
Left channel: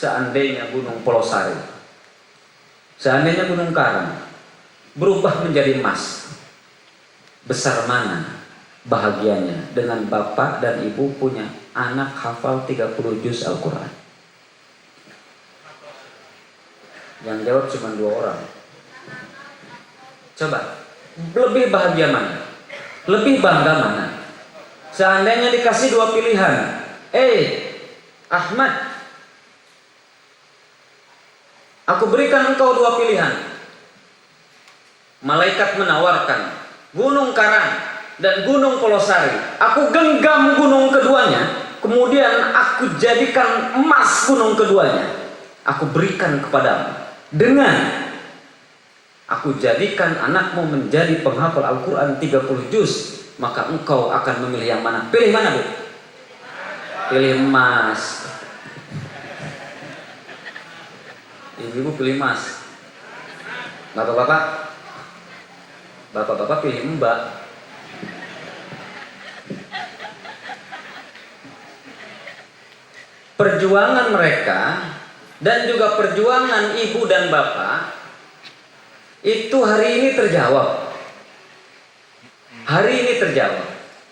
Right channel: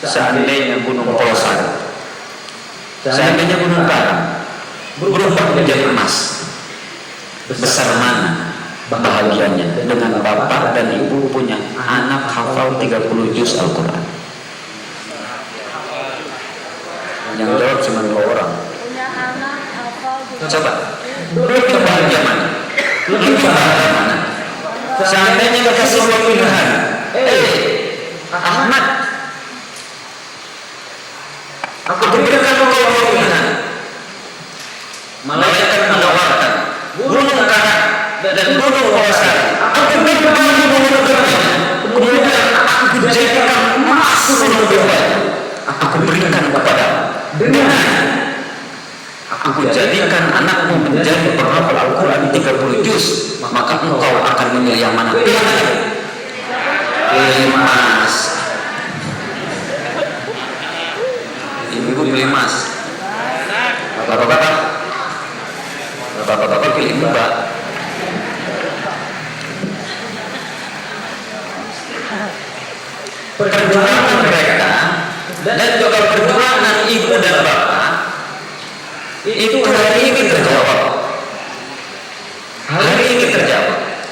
Seandainya Gunung Polosari, seandainya Gunung berubah menjadi emas, besar mana bahagianya dengan Bapak dan Ibu punya anak hafal 30 juz Al-Quran. Yang jawab cuma 2 orang. Coba, lebih bahagia mana? Lebih bangga mana? Seandainya dikasih 2 pilihan, Ahmad, aku berikan engkau 2 pilihan. Malaikat menawarkan Gunung Karang dan Gunung Polosari. Aku genggam gunung keduanya, kemudian aku jadikan emas gunung keduanya. Aku berikan kepada dengan aku jadikan anakmu menjadi penghafal Al-Quran 30 juz, maka engkau akan memilih yang mana? Pilih mana? Pilih emas. Ibu pilih emas. Bapak pilih mbak. Perjuangan mereka dan juga perjuangan ibu dan bapak itu hari ini terjawab. Hari ini terjawab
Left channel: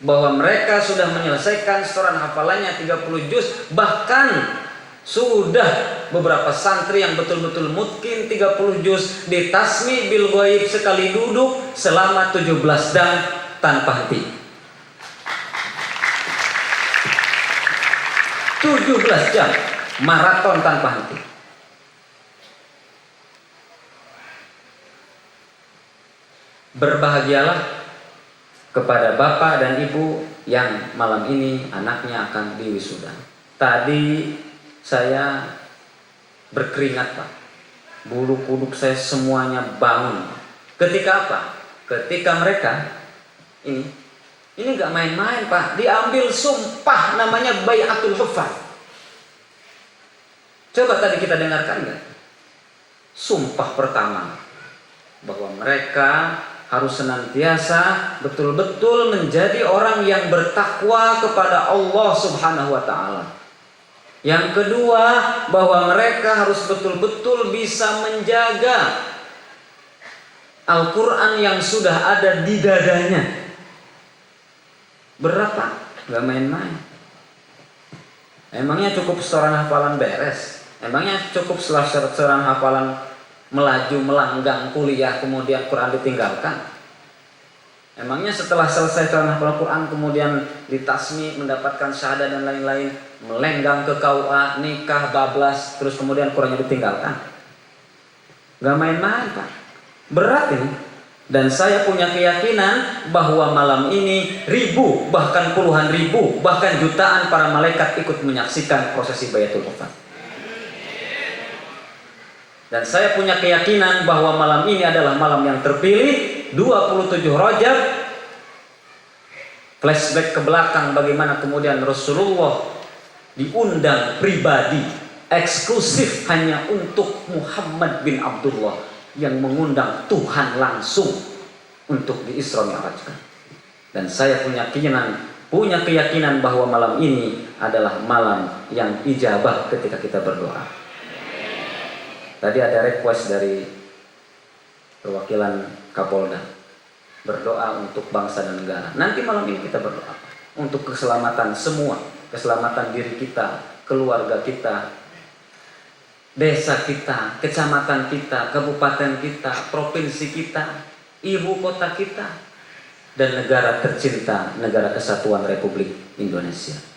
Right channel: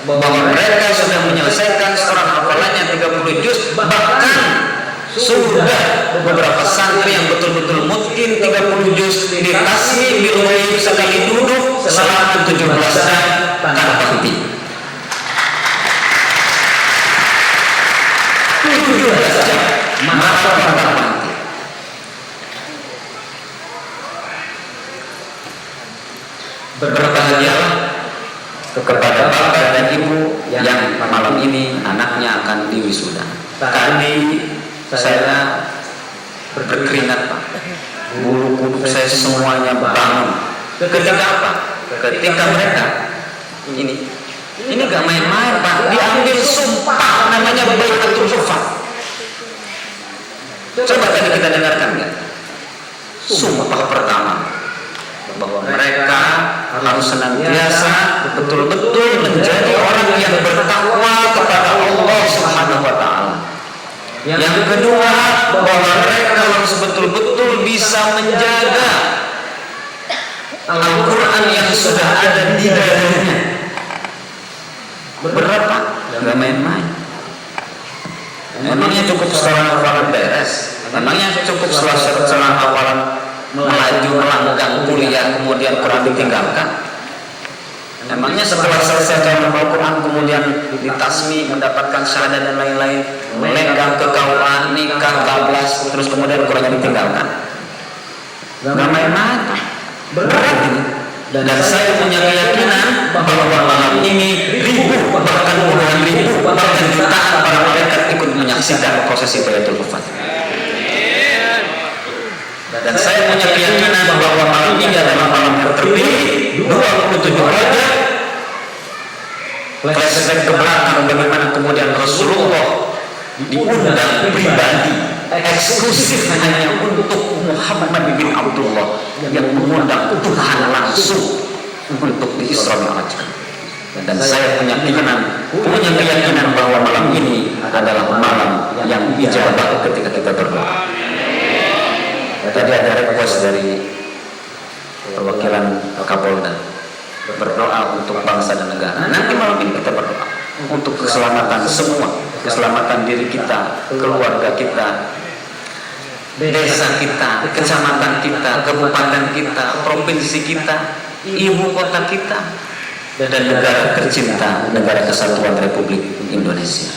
bahwa mereka sudah menyelesaikan Quran hafalannya 30 juz, bahkan sudah beberapa santri yang betul-betul mungkin 30 juz di tasmi di luar sekali duduk selama 17 jam tanpa henti. 17 jam maraton tanpa henti. Berbahagialah kepada bapak dan ibu yang malam ini anaknya akan diwisuda. Tadi saya berkeringat, guru-guru saya semuanya bangun. Ketika mereka ini nggak main-main, Pak. Diambil sumpah namanya baiatul aqabah. Coba tadi kita dengarkan sumpah pertama bahwa mereka harus senantiasa betul-betul menjadi orang yang bertakwa kepada Allah Subhanahu wa taala. Yang kedua, bahwa mereka harus betul-betul bisa menjaga Al-Quran yang sudah ada di dadanya. Berat, gak main-main. Emangnya cukup seorang hafalan beres? Emangnya cukup seorang hafalan melanggar kuliah kemudian berada tinggalkan? Emangnya setelah selesai Al-Quran kemudian ditasmi, mendapatkan syahadat dan lain-lain, melenggang ke kawalan, nikah, bablas, terus kemudian berada tinggalkan? Gak main-main. Berat ini. Dan saya punya keyakinan bahwa malam ini ribu, bahkan puluhan ribu, bahkan jutaan para malaikat ikut menyaksikan proses Baitul Fatih. Dan saya punya keyakinan bahwa malam ini adalah malam yang terpilih, 27 Rajab. Flashback ke belakang bagaimana kemudian Rasulullah diundang pribadi eksklusif hanya untuk Muhammad bin Abdullah yang mengundang Tuhan langsung untuk Isra dan Mi'raj. Dan saya punya keyakinan bahwa malam ini adalah malam yang ijabah ketika kita berdoa. Tadi ada request dari perwakilan Kapolda berdoa untuk bangsa dan negara. Nanti malam ini kita berdoa untuk keselamatan semua, keselamatan diri kita, keluarga kita, desa kita, kecamatan kita, kabupaten kita, provinsi kita, ibu kota kita, dan negara tercinta, negara kesatuan Republik Indonesia.